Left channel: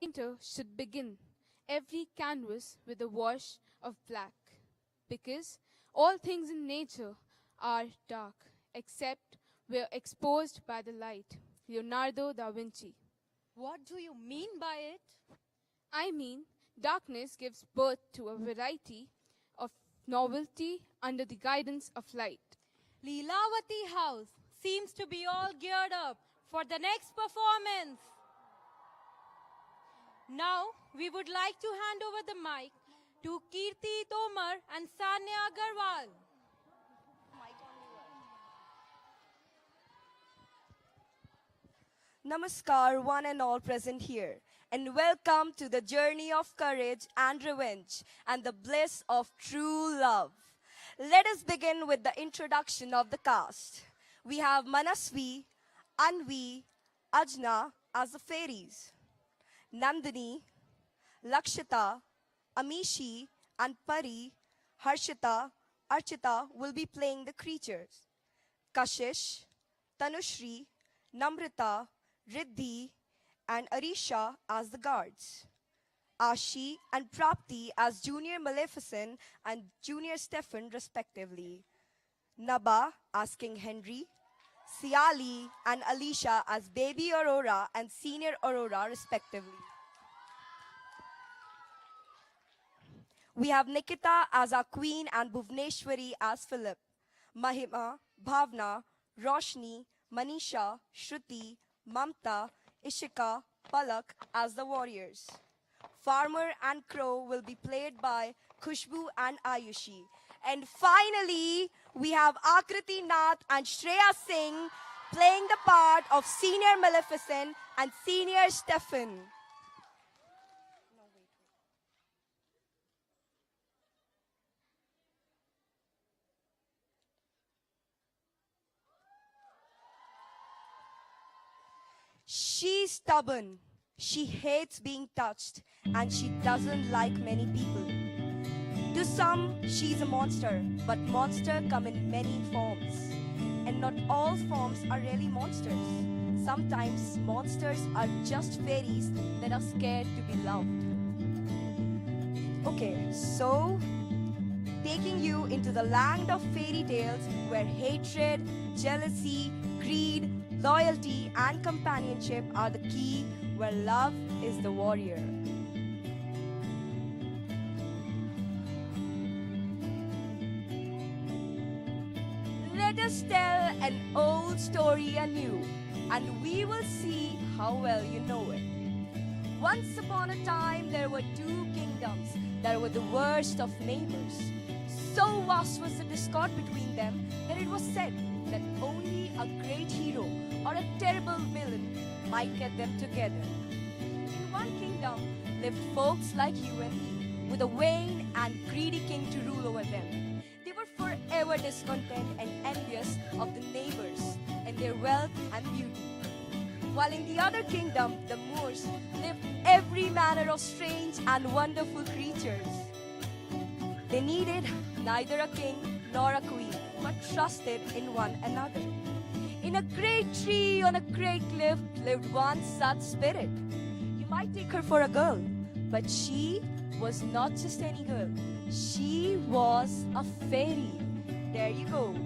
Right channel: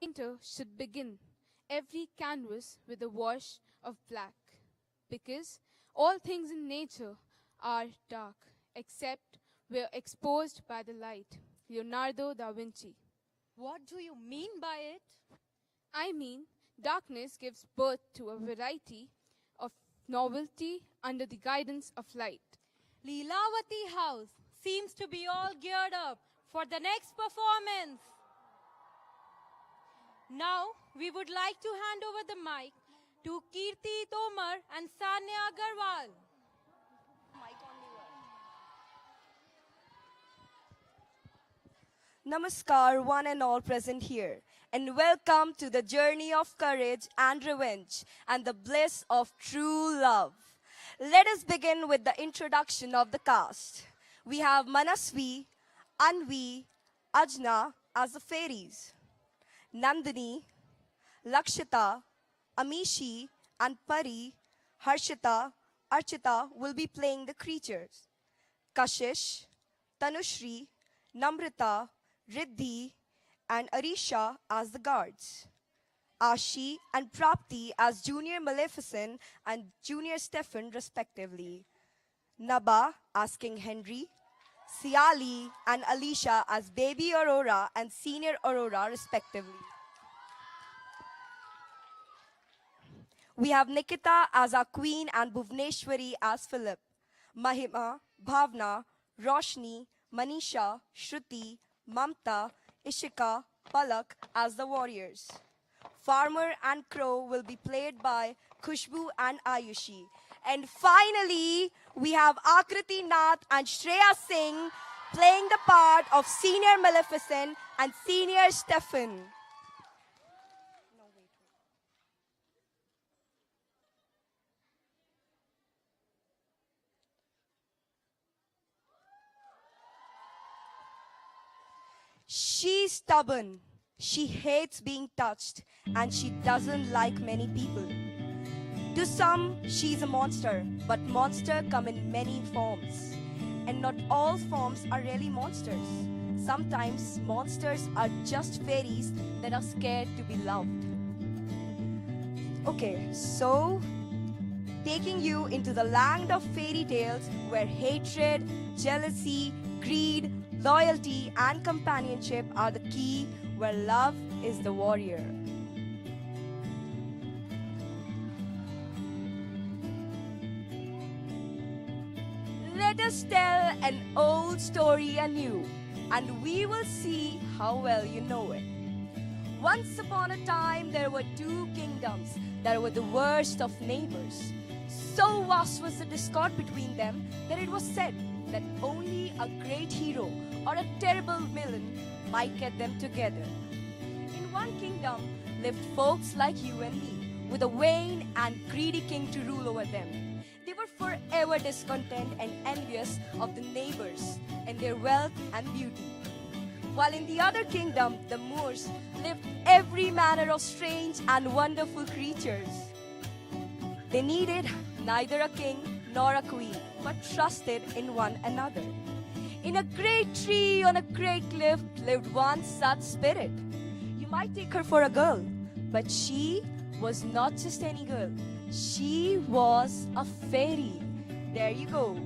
Painter should begin every canvas with a wash of black, because all things in nature are dark except where exposed by the light. Leonardo da Vinci. What do you mean by it? I mean, darkness gives birth to a variety of novelty under the guidance of light. Leelawati House seems to be all geared up for the next performance. Now, we would like to hand over the mic to Kirti Tomar and Sanya Agarwal. Namaskar, one and all present here, and welcome to the journey of courage and revenge and the bliss of true love. Let us begin with the introduction of the cast. We have Manasvi, Anvi, Ajna as the fairies, Nandini, Lakshita, Amishi, and Pari, Harshita, Archita will be playing the creatures. Kashish, Tanushri, Namrita, Riddhi, and Arisha as the guards. Ashi and Prapti as Junior Maleficent and Junior Stefan respectively. Naba as King Henry, Siali and Alicia as Baby Aurora and Senior Aurora respectively. We have Nikita as our queen and Bhuvneshwari as Philip. Mahima, Bhavna, Roshni, Manisha, Shruti, Mamta, Ishika, Palak as the warriors. Farmer and Crow will be played by Khushbu and Ayushi. And finally, we have Akriti Nath and Shreya Singh playing the part of Senior Maleficent and Senior Stefan. She's stubborn. She hates being touched and she doesn't like many people. To some, she's a monster, but monsters come in many forms. And not all forms are really monsters. Sometimes monsters are just fairies that are scared to be loved. Okay, so taking you into the land of fairy tales where hatred, jealousy, greed, loyalty, and companionship are the key, where love is the warrior. Let us tell an old story anew, and we will see how well you know it. Once upon a time, there were two kingdoms that were the worst of neighbors. So vast was the discord between them that it was said that only a great hero or a terrible villain might get them together. In one kingdom lived folks like you and me, with a vain and greedy king to rule over them. They were forever discontent and envious of the neighbors and their wealth and beauty. While in the other kingdom, the Moors, lived every manner of strange and wonderful creatures. They needed neither a king nor a queen, but trusted in one another. In a great tree on a great cliff lived one such spirit. You might take her for a girl, but she was not just any girl. She was a fairy. There you go.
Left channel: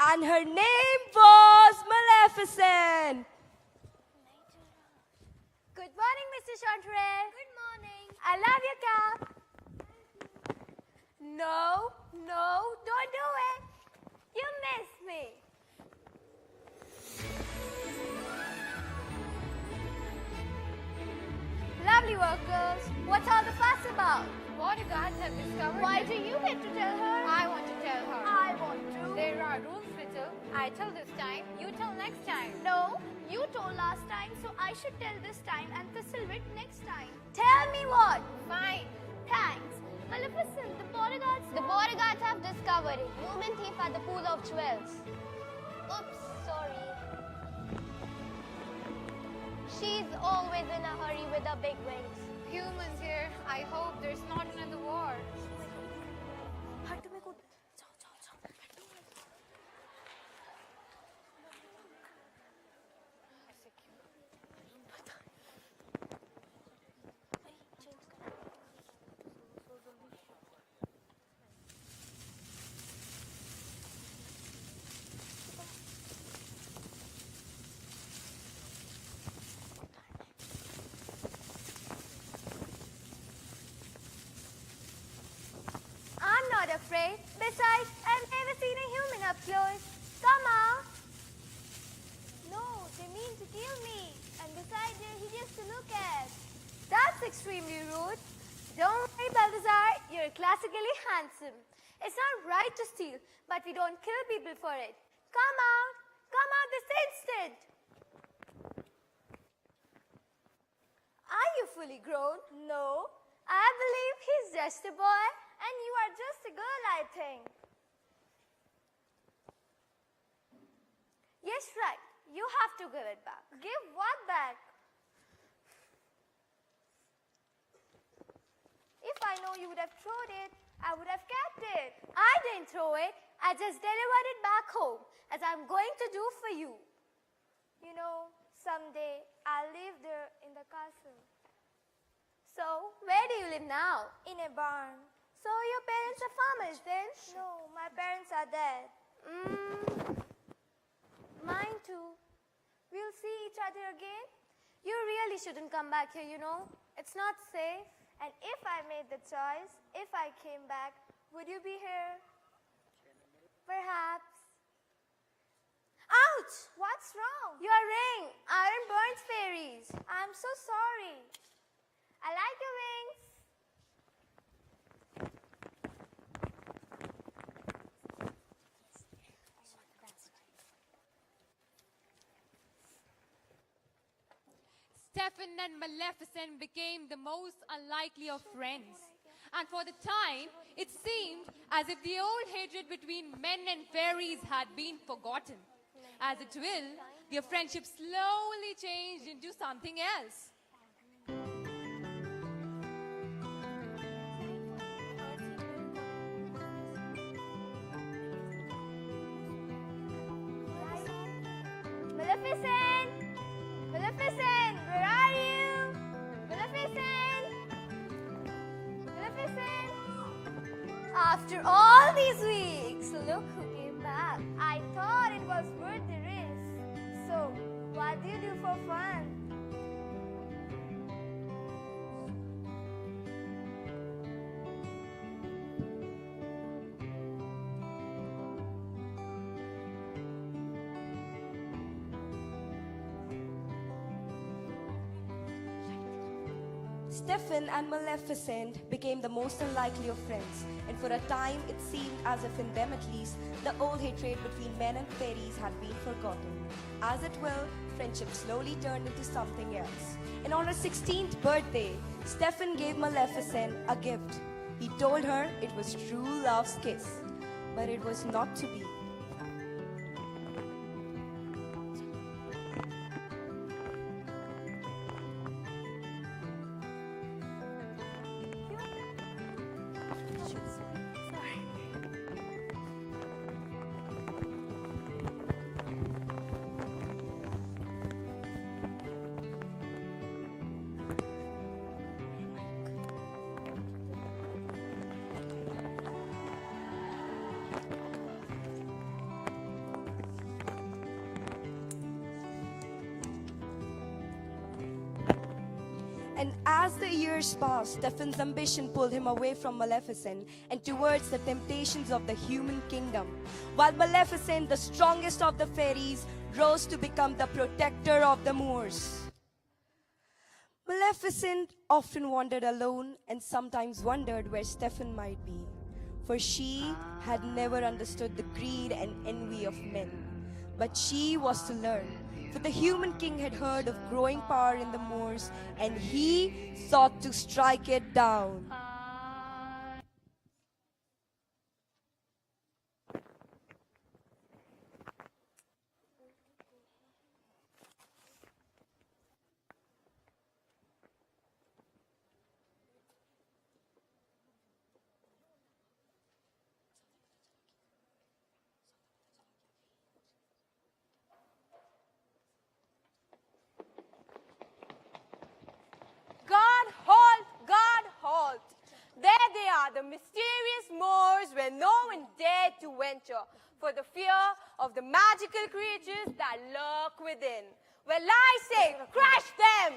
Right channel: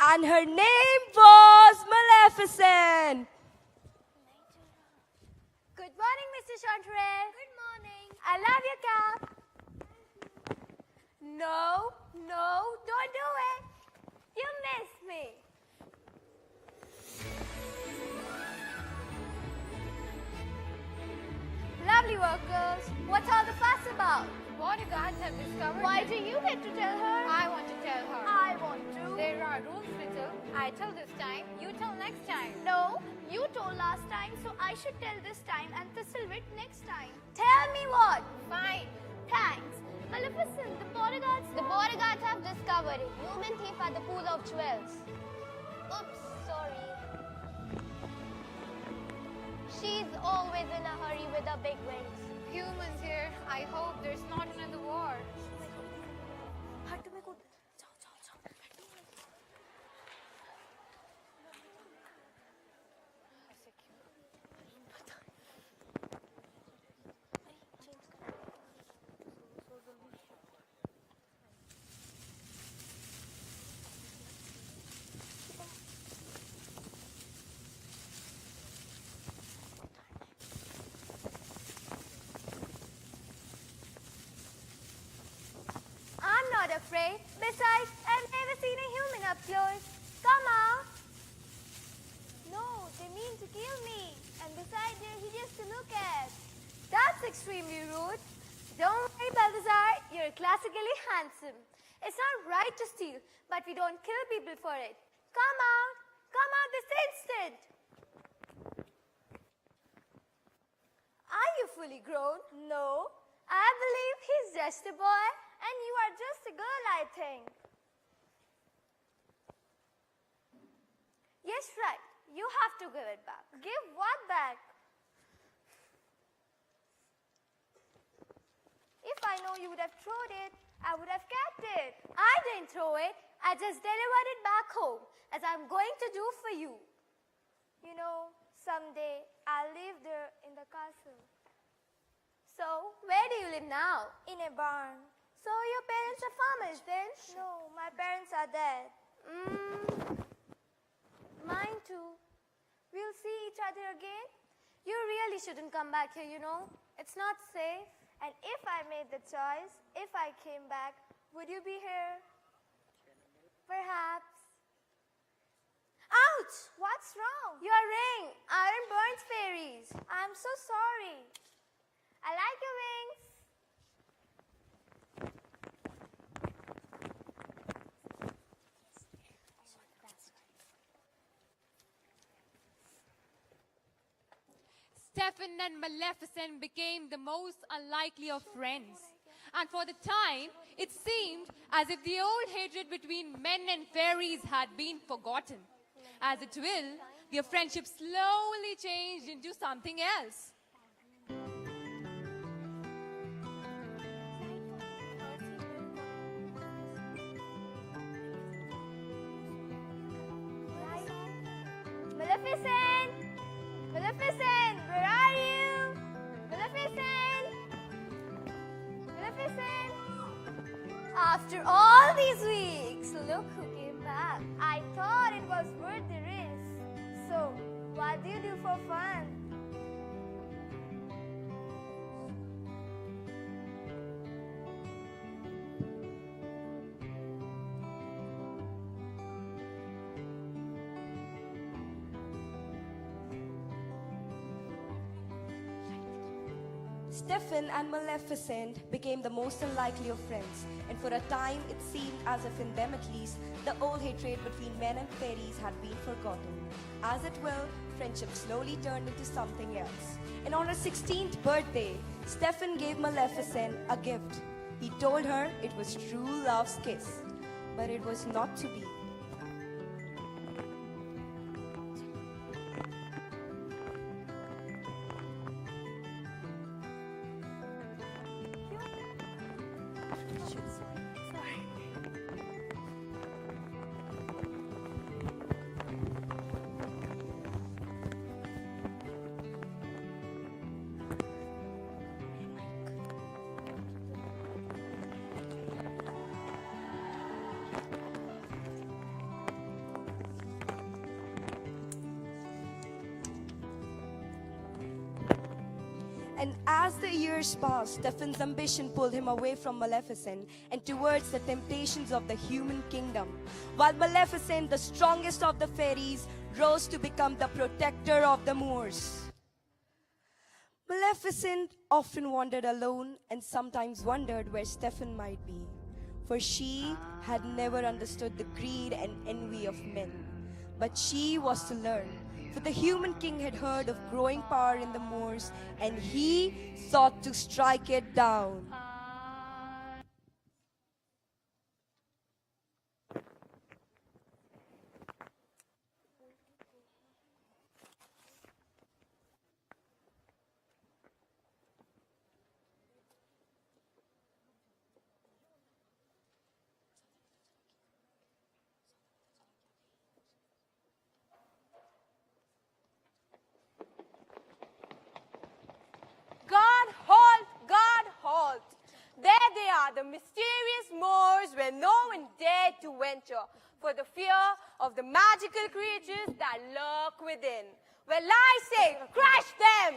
And her name was Maleficent. Good morning, Mr. Chanterelle. Good morning. I love your cap. No, don't do it. You missed me. Lovely work, girls. What's all the fuss about? What you guys have discovered? Why do you get to tell her? I want to tell her. I want to. There are rules, Ritter. I tell this time, you tell next time. No, You told last time, so I should tell this time and Thistlewood next time. Tell me what? Fine. Thanks. Maleficent, the bodyguards have discovered a human thief at the pool of jewels. Oops, sorry. She's always in a hurry with her big wings. Humans here, I hope there's not another war. I'm not afraid. Besides, I've never seen a human up close. Come on. No, they mean to kill me. And besides, they're hideous to look at. That's extremely rude. Don't worry, Balthazar. You're classically handsome. It's not right to steal, but we don't kill people for it. Come out. Come out this instant. Are you fully grown? No. I believe he's just a boy. And you are just a girl, I think. Yes, right. You have to give it back. Give what back? If I know you would have thrown it, I would have kept it. I didn't throw it. I just delivered it back home, as I'm going to do for you. You know, someday I'll live there in the castle. So, where do you live now? In a barn. So your parents are farmers then? No, my parents are dead. Mine too. We'll see each other again. You really shouldn't come back here, you know. It's not safe. And if I made the choice, if I came back, would you be here? Perhaps. Ouch! What's wrong? Your ring. Iron burns fairies. I'm so sorry. I like your wings. Stefan and Maleficent became the most unlikely of friends. And for the time, it seemed as if the old hatred between men and fairies had been forgotten. As it will, their friendship slowly changed into something else. Maleficent! Maleficent! Where are you? Maleficent! Maleficent! After all these weeks, look who came back. I thought it was worth the risk. So, what do you do for fun? Stefan and Maleficent became the most unlikely of friends, and for a time it seemed as if in them at least, the old hatred between men and fairies had been forgotten. As it will, friendship slowly turned into something else. And on her 16th birthday, Stefan gave Maleficent a gift. He told her it was true love's kiss, but it was not to be. And as the years passed, Stefan's ambition pulled him away from Maleficent and towards the temptations of the human kingdom, while Maleficent, the strongest of the fairies, rose to become the protector of the Moors. Maleficent often wandered alone and sometimes wondered where Stefan might be, for she had never understood the greed and envy of men. But she was to learn For the human king had heard of growing power in the moors, and he sought to strike it down. God halt! God halt! There they are, the mysterious moors where no one dared to venture for the fear of the magical creatures that lurk within. Well, I say, crush them!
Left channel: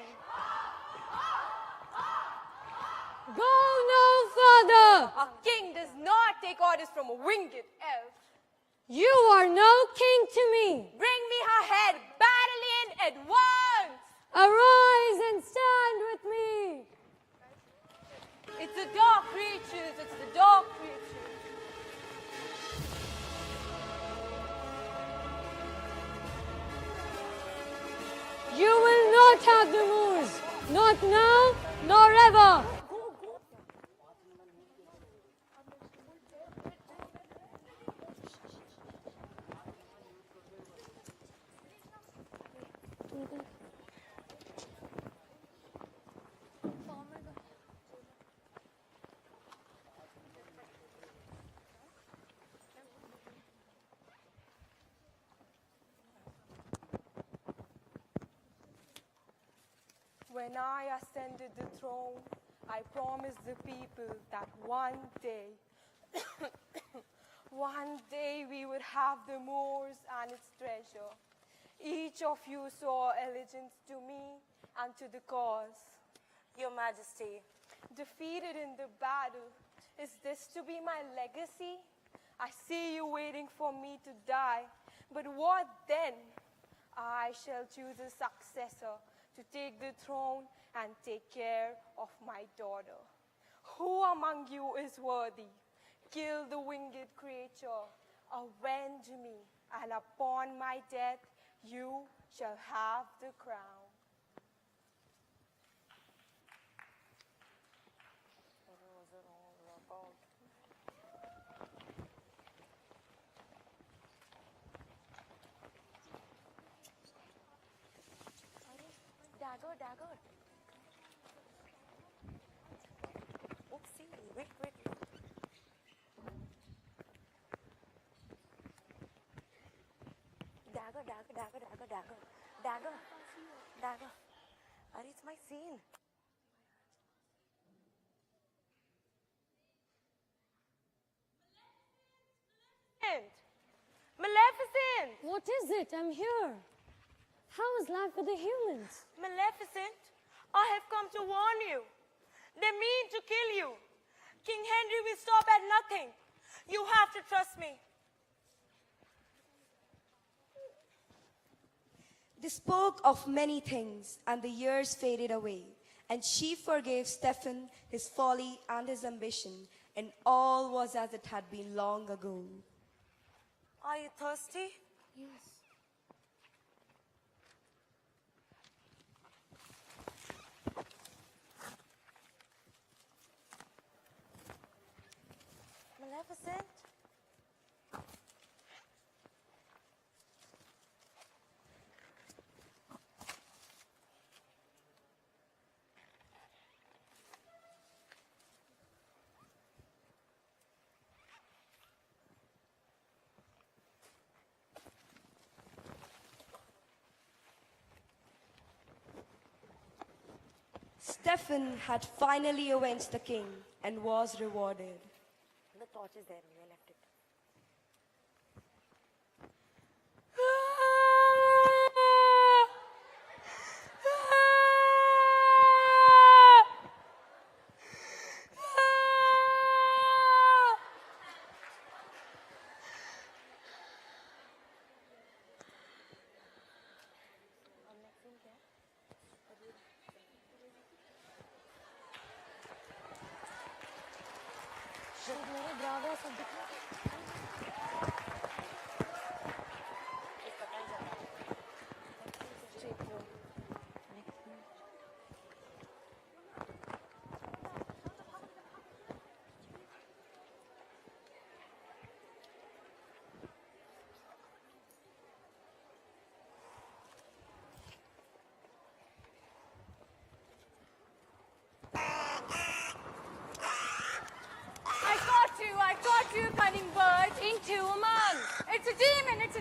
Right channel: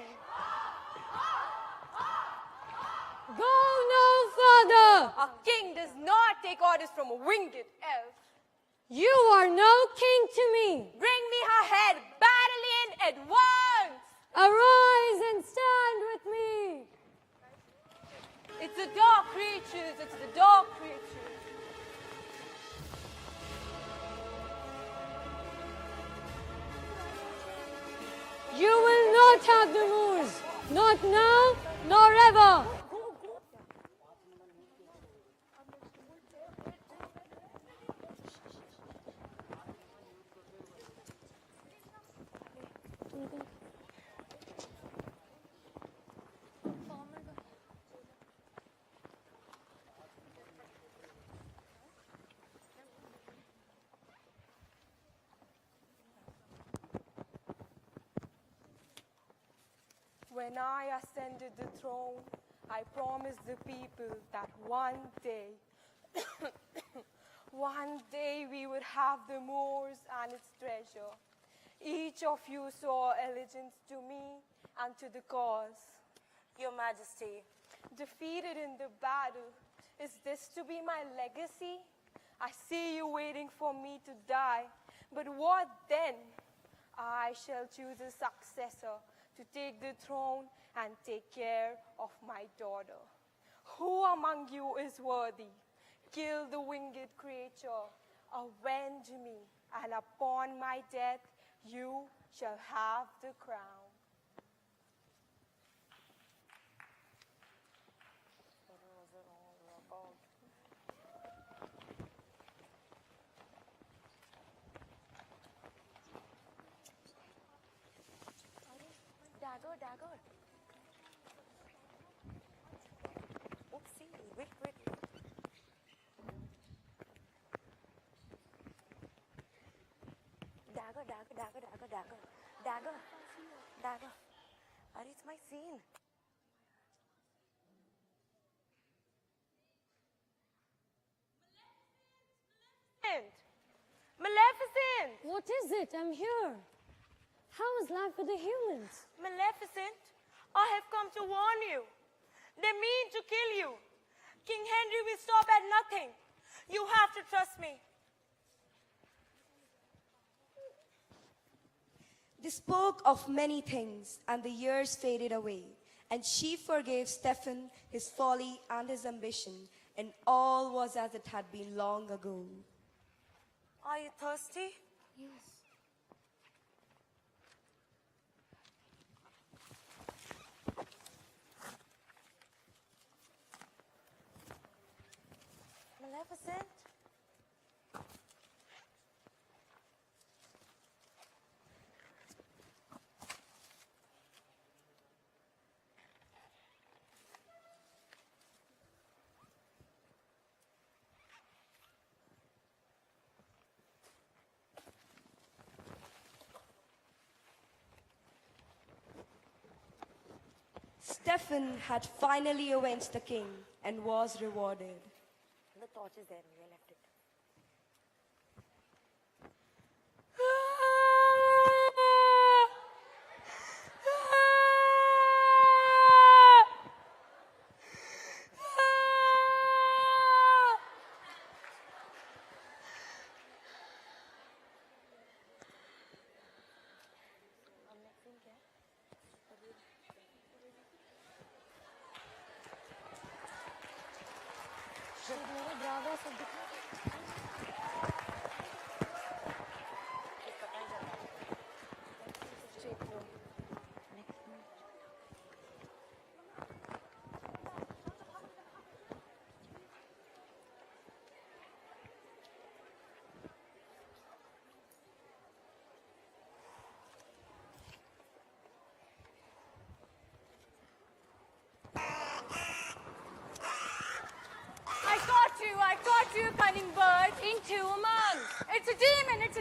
Go no further! A king does not take orders from a winged elf. You are no king to me. Bring me her head, battle in at once! Arise and stand with me. It's the dark creatures, it's the dark creatures. You will not have the moors, not now nor ever. When I ascended the throne, I promised the people that one day, one day we would have the moors and its treasure. Each of you saw allegiance to me and to the cause. Your Majesty, defeated in the battle, is this to be my legacy? I see you waiting for me to die, but what then? I shall choose a successor to take the throne and take care of my daughter. Who among you is worthy? Kill the winged creature, avenge me, and upon my death you shall have the crown. Dagger, dagger. Oopsie, wait, wait. Dagger, dagger, dagger, dagger, dagger. Dagger, dagger. Are it's my scene. Maleficent! What is it? I'm here. How is life for the humans? Maleficent, I have come to warn you. They mean to kill you. King Henry will stop at nothing. You have to trust me. They spoke of many things, and the years faded away. And she forgave Stephen his folly and his ambition, and all was as it had been long ago. Are you thirsty? Maleficent? Stephen had finally avenged the king and was rewarded. The torch is there. We left it.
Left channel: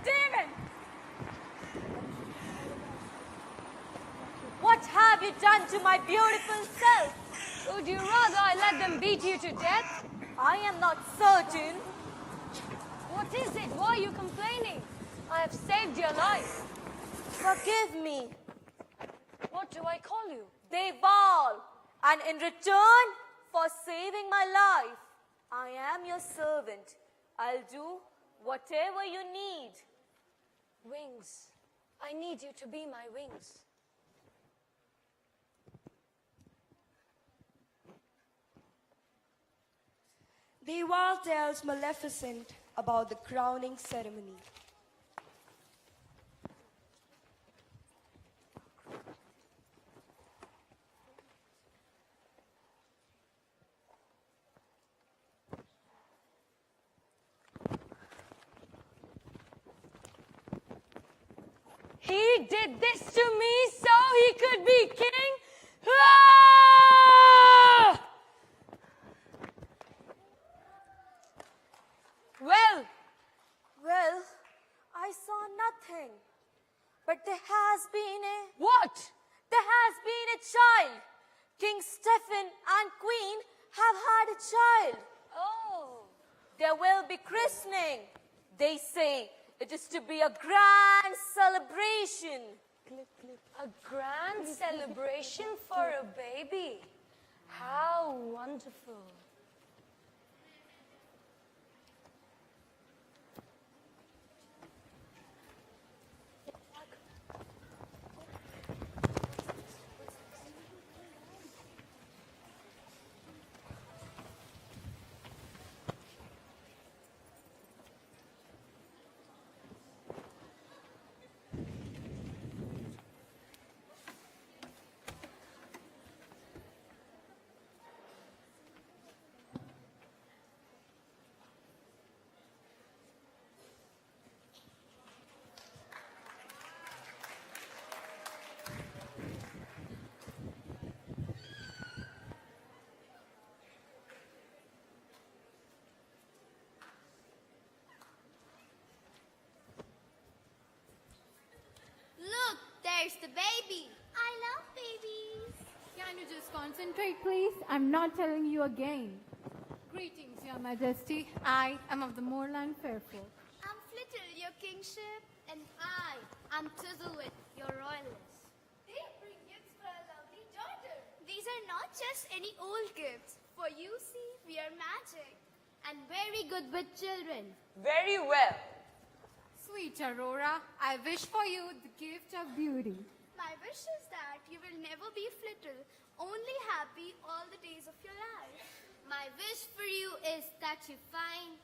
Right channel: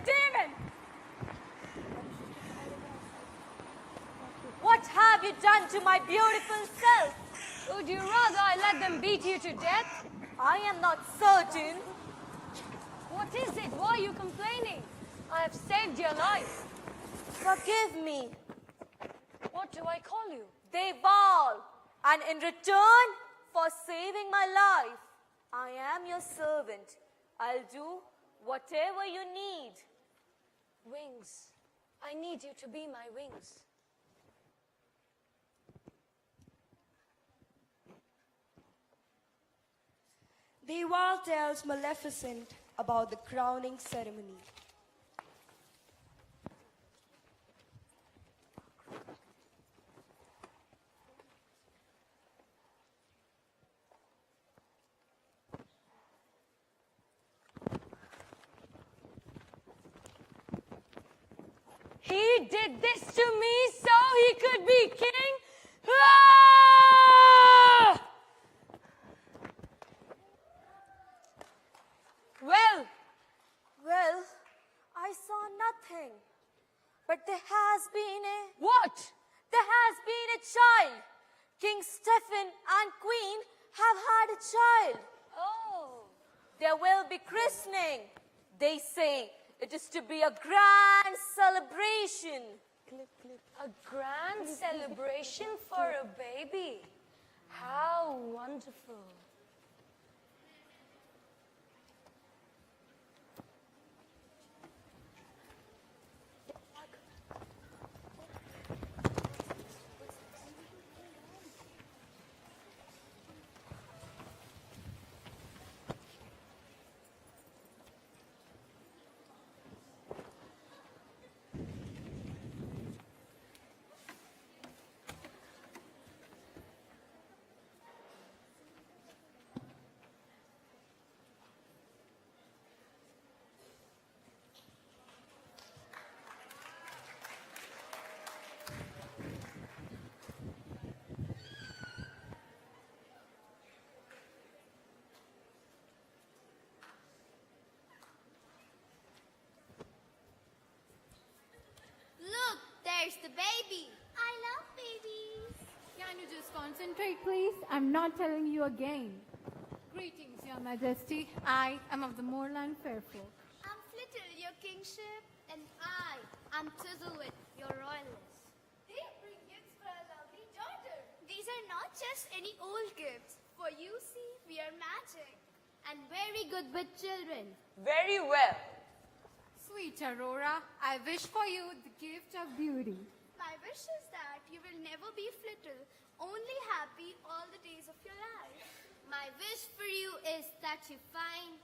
demon! What have you done to my beautiful self? Would you rather I let them beat you to death? I am not certain. What is it? Why are you complaining? I have saved your life. Forgive me. What do I call you? They bow, and in return for saving my life, I am your servant. I'll do whatever you need. Wings. I need you to be my wings. The wall tells Maleficent about the crowning ceremony. He did this to me so he could be king? Ah! Well, I saw nothing. But there has been a... What? There has been a child. King Stephen and Queen have had a child. Oh. There will be christening. They say it is to be a grand celebration. A grand celebration for a baby. How wonderful. Look, there's the baby. I love babies. Can you just concentrate, please? I'm not telling you again. Greetings, Your Majesty. I am of the moorland fairfolk. I'm Flittle, your kingship, and I am Tizzlewit, your royalist. They bring gifts for a lovely daughter. These are not just any old gifts, for you see, we are magic and very good with children. Very well. Sweet Aurora, I wish for you the gift of beauty. My wish is that you will never be Flittle, only happy all the days of your life. My wish for you is that you find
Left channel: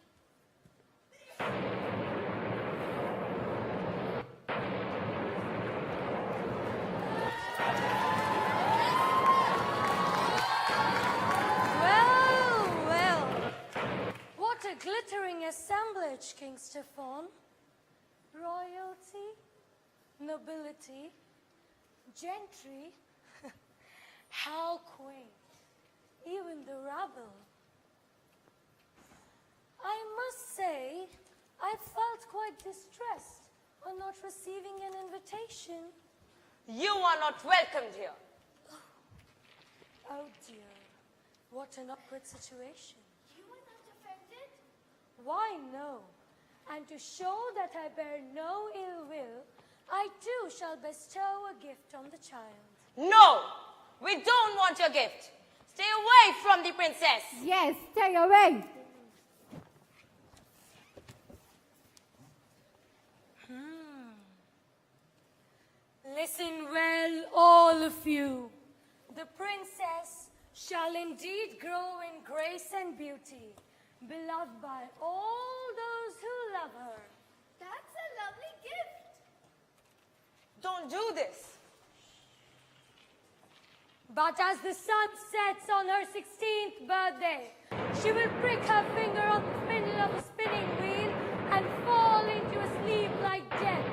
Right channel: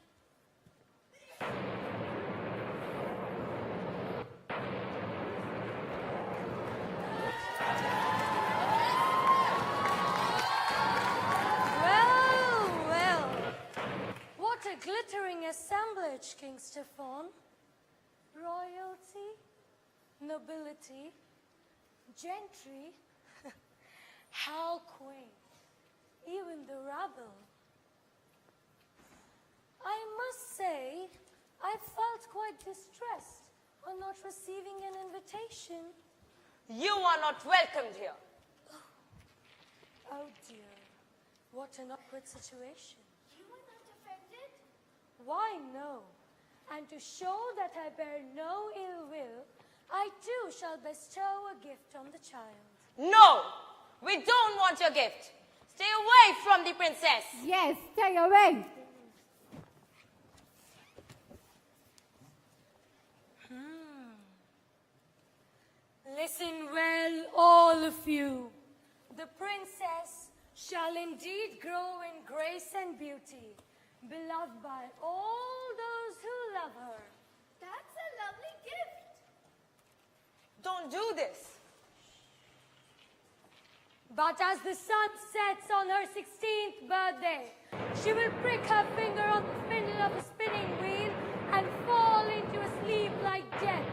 Well. What a glittering assemblage, King Stefan. Royalty, nobility, gentry. How quaint. Even the rabble. I must say, I felt quite distressed on not receiving an invitation. You are not welcomed here. Oh dear, what an awkward situation. you are not offended. Why, no. And to show that I bear no ill will, I too shall bestow a gift on the child. No, we don't want your gift. Stay away from the princess. Yes, stay away. Listen well, all of you. The princess shall indeed grow in grace and beauty, beloved by all those who love her. That's a lovely gift. Don't do this. But as the sun sets on her 16th birthday, she will prick her finger on the spindle of a spinning wheel and fall into a sleep like death.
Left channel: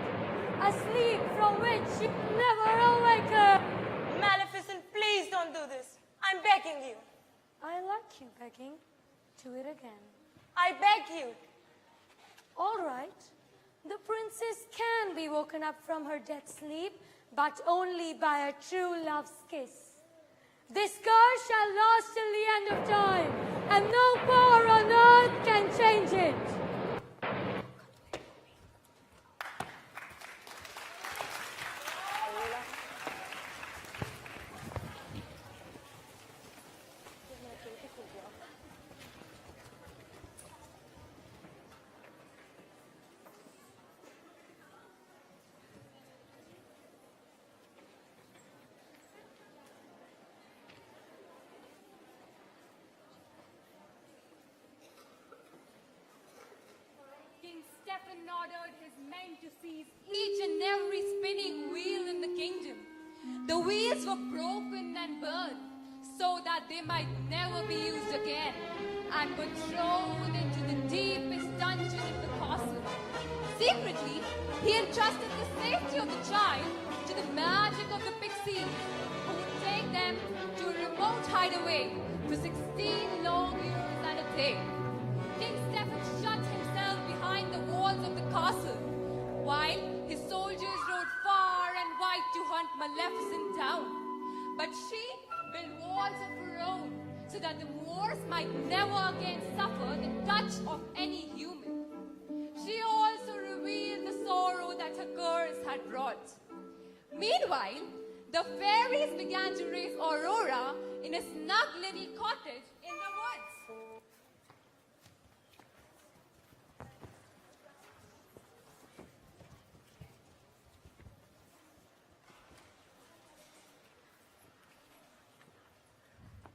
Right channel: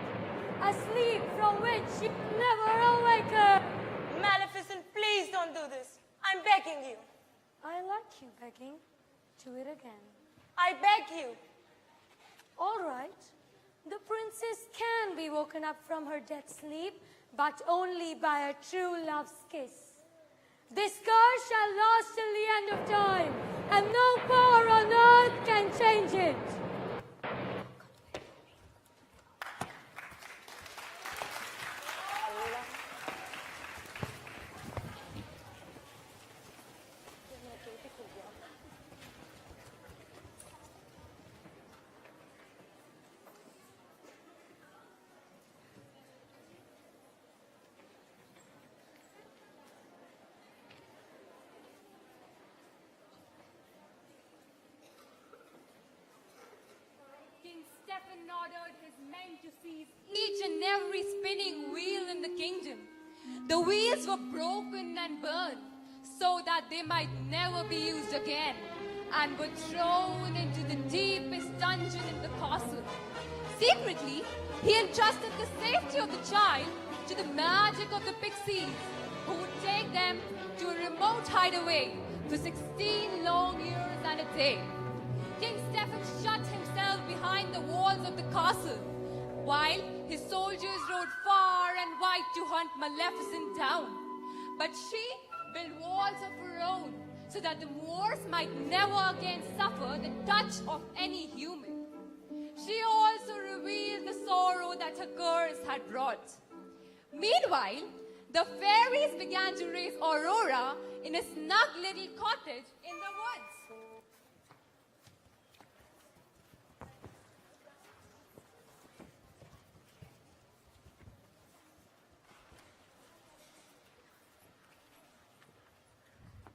A sleep from which she will never awaken. Maleficent, please don't do this. I'm begging you. I like you begging. Do it again. I beg you. All right. The princess can be woken up from her death sleep, but only by a true love's kiss. This curse shall last till the end of time, and no power on earth can change it. King Stephen ordered his men to seize each and every spinning wheel in the kingdom. The wheels were broken and burned so that they might never be used again, and were thrown into the deepest dungeon in the castle. Secretly, he entrusted the safety of the child to the magic of the pixies, who would take them to a remote hideaway for 16 long years and a day. King Stephen shut himself behind the walls of the castle, while his soldiers rode far and wide to hunt Maleficent down. But she built walls of her own, so that the Moors might never again suffer the touch of any human. She also revealed the sorrow that her curse had brought. Meanwhile, the fairies began to raise Aurora in a snug little cottage in the woods.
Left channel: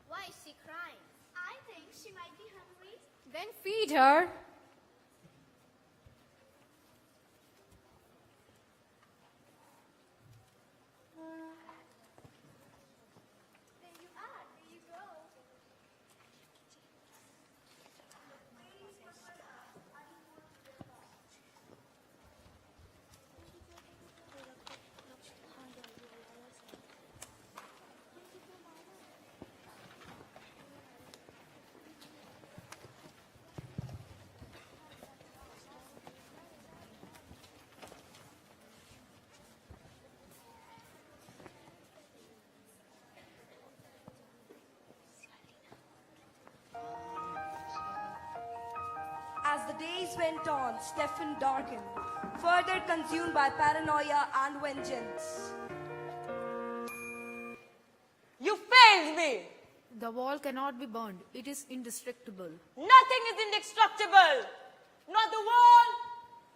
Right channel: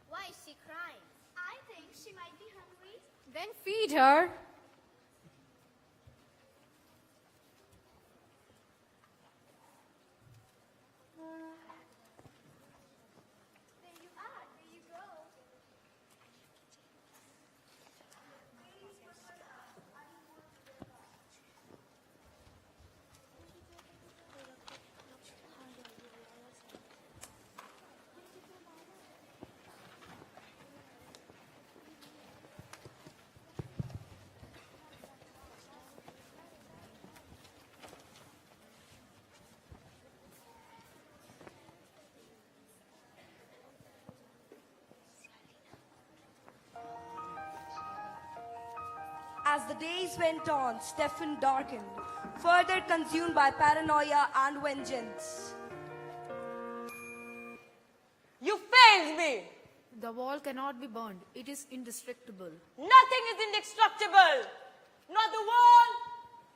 Why is she crying? I think she might be hungry. Then feed her. There you are. There you go. As the days went on, Stephen darkened, further consumed by paranoia and vengeance. You failed me! The wall cannot be burned. It is indestructible. Nothing is indestructible! Not the wall,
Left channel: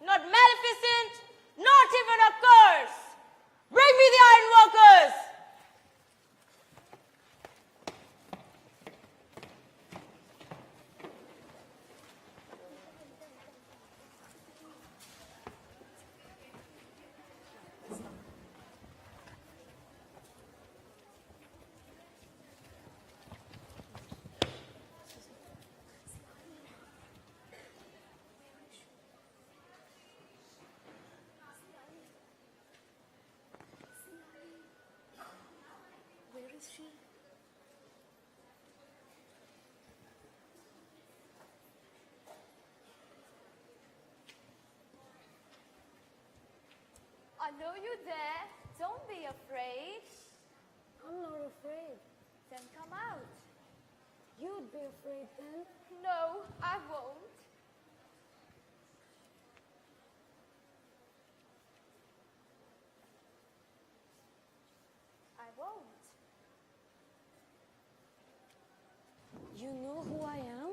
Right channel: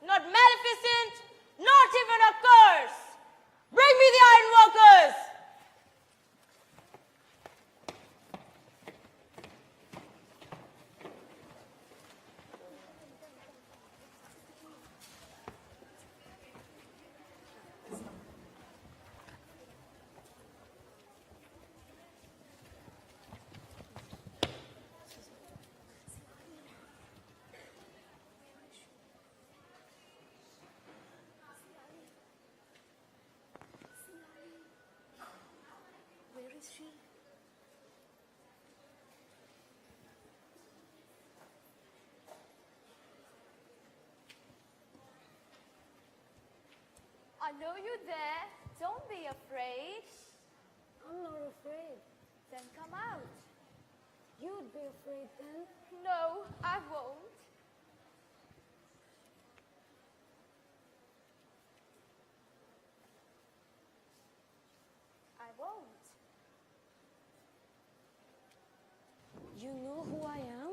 not Maleficent, not even a curse! Bring me the ironworkers! I know you're there. Don't be afraid. I'm not afraid. Then come out. You'd be afraid then. No, I won't. I won't. You know who I am?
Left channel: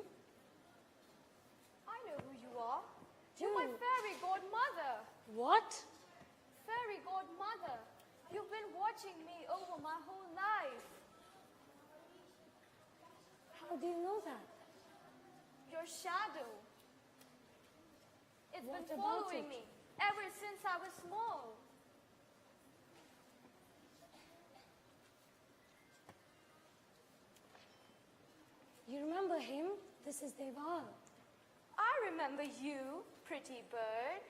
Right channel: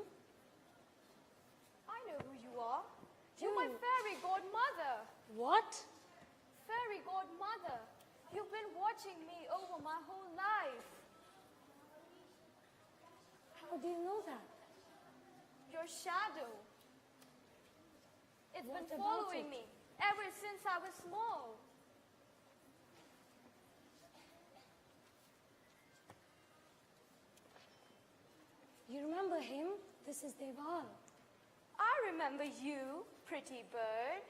I know who you are. You're my fairy godmother. What? Fairy godmother. You've been watching me over my whole life. How do you know that? Your shadow. It's What been about following it? me ever since I was small. You remember him? This is Deval. I remember you, pretty bird.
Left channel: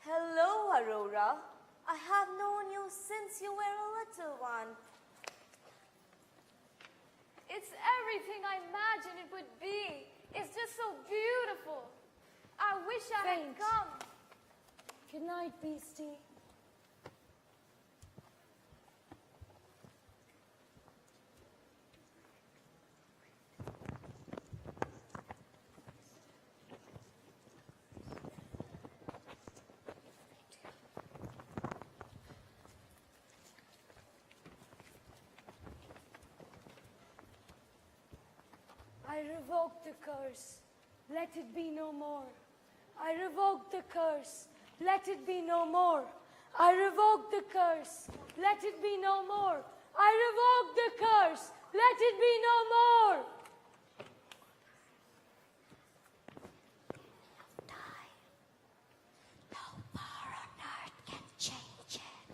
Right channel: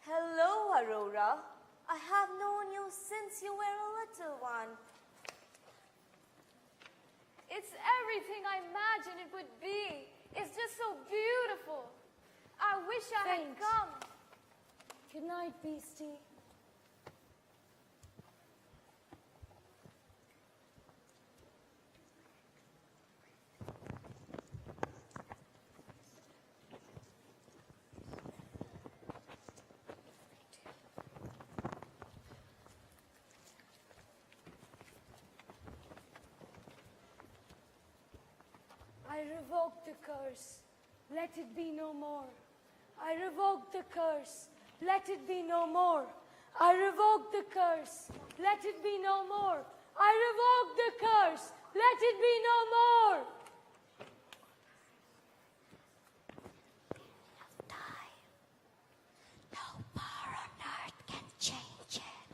Hello, Aurora. I have known you since you were a little one. It's everything I imagined it would be. It's just so beautiful. I wish I had Thanks. come. Good night, Beastie. I revoke the curse. Let it be no more. I revoke the curse. Let it be no more. I revoke the curse. Let it be no more. I revoke the curse. Let it be no more. No power on earth can change it.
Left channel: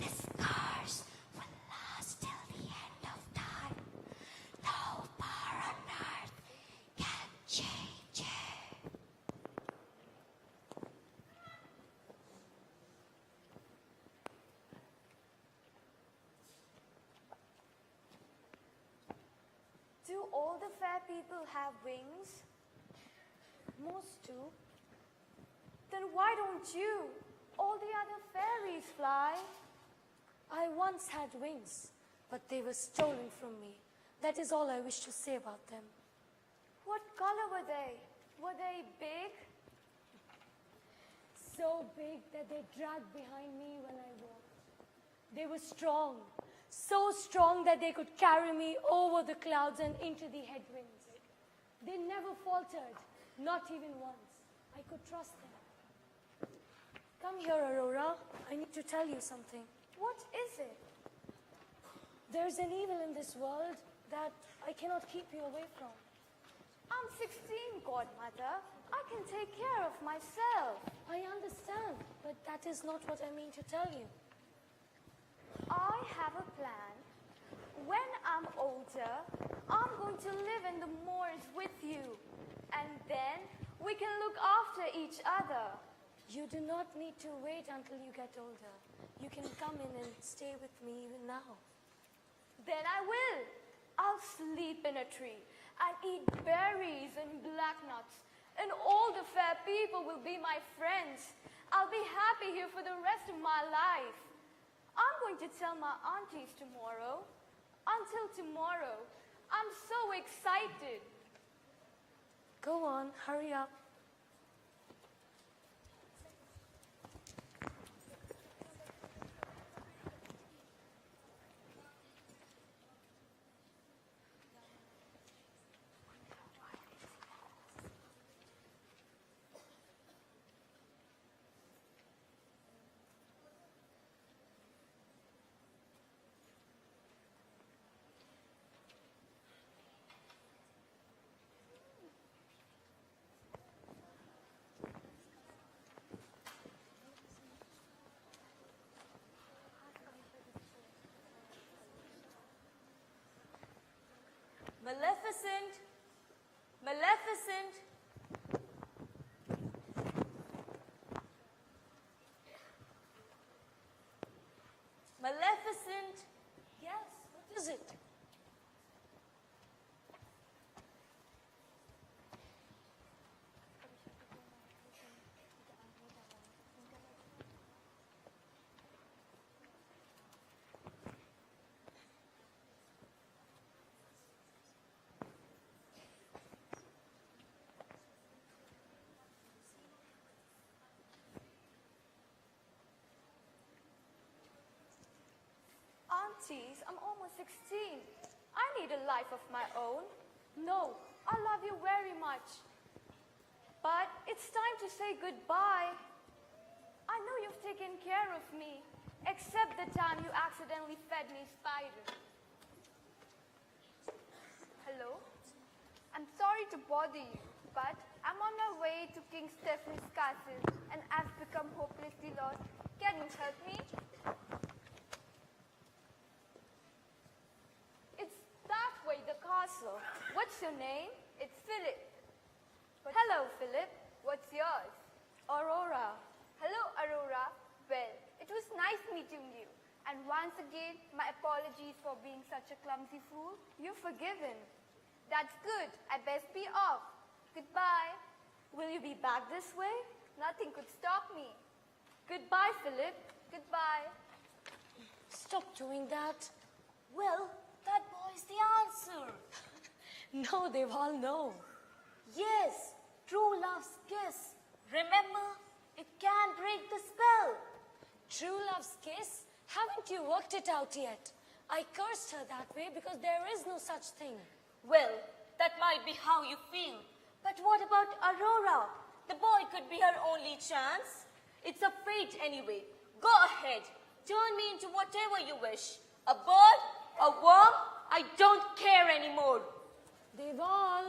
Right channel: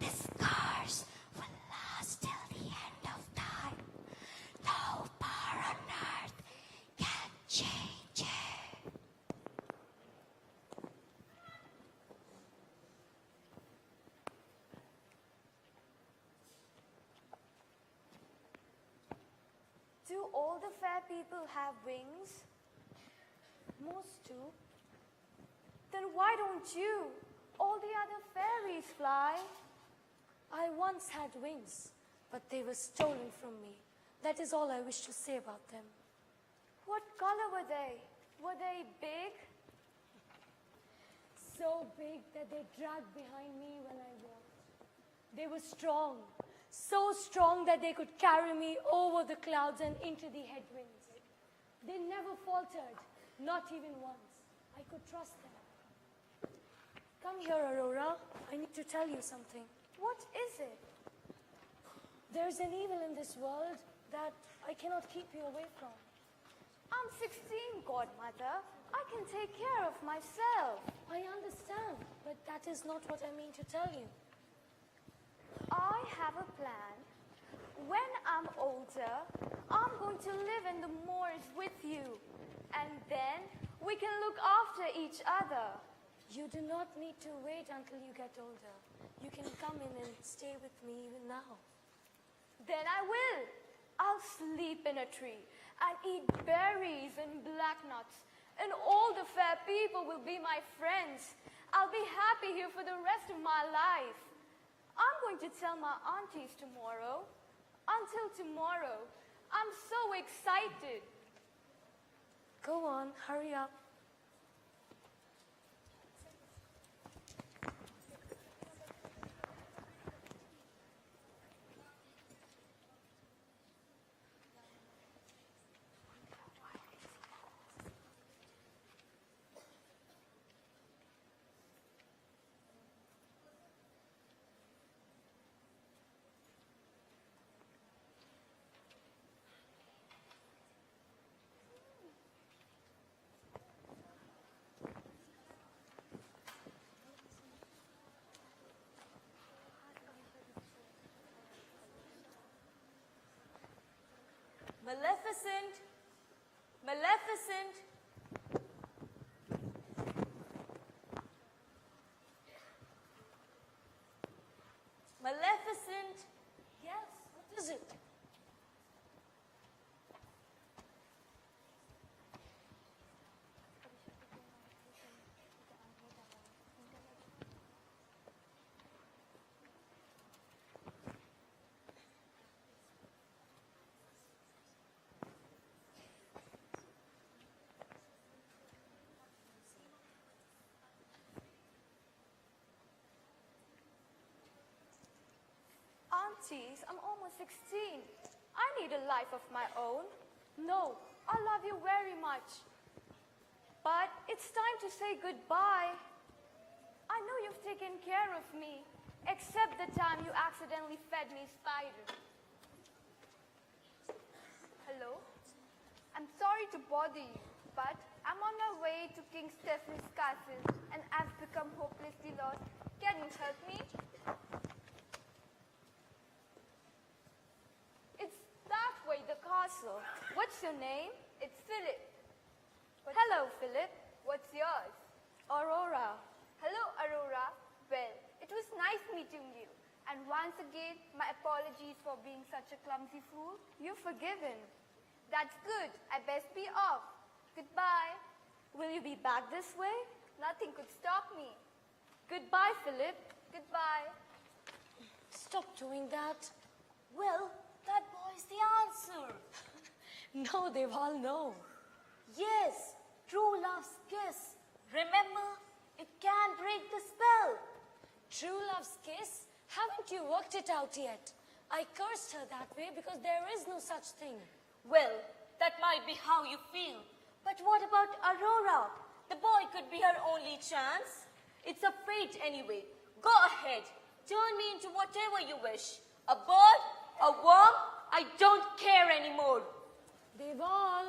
This curse will last till the end of time. No power on earth can change it. Do all the fair people have wings? Most do. Then why don't you? All the other fairies fly. I once had wings, but they were stolen from me. That is all I wish to say about them. What color were they? Were they big? So big that they dragged behind me when I walked. They were strong, so strong that they could carry me over the clouds and into the headwinds. They never faltered, not even once. I could trust them. Come here, Aurora. I need to tell you something. What is it? There's an evil in this world that I cannot keep you away from. I'm 16, godmother. I can take care of myself. I understand, but that is not what I mean to tell you. I have a plan. When I'm older, I'm going to live in the moors with you. And then we can look after each other. You do not need to wait until you get older. You can come in and stay with me even now. Then I will. I'll sleep in a tree and eat berries and black nuts. And all the fair people will be my friends. I'll be happy here for the rest of my life. I'm going to tell my aunties tomorrow. Until tomorrow. I'm so excited. Go on, hurry up. Maleficent! Maleficent! Maleficent! Yes, what is it? Aunties, I'm almost 16. I need a life of my own. No, I love you very much. But it's time to say goodbye. I know you've taken care of me, except the time you accidentally fed me spiders. Hello? I'm sorry to bother you, but I'm on my way to King Stephanie's castle and I've become hopelessly lost. Can you help me? It's that way, the castle. What's your name? It's Philip. Hello, Philip. What's yours? Aurora. Hello, Aurora. Well, it was nice meeting you. And once again, my apologies for being such a clumsy fool. You're forgiven. That's good. I best be off. Goodbye. Will you be back this way? Nothing could stop me. Goodbye, Philip. Goodbye. Stop doing that. Well, that boy's the answer. No, they all know. Yes, true love's kiss. Remember, it can break the spell. True love's kiss? Haven't you worked it out yet? I cursed her that way because there is no such thing. Well, that might be how you feel. But what about Aurora? The boy could be her only chance. It's a fate anyway. Go ahead. Turn me into whatever you wish. A bird? A worm? I don't care anymore. They've all.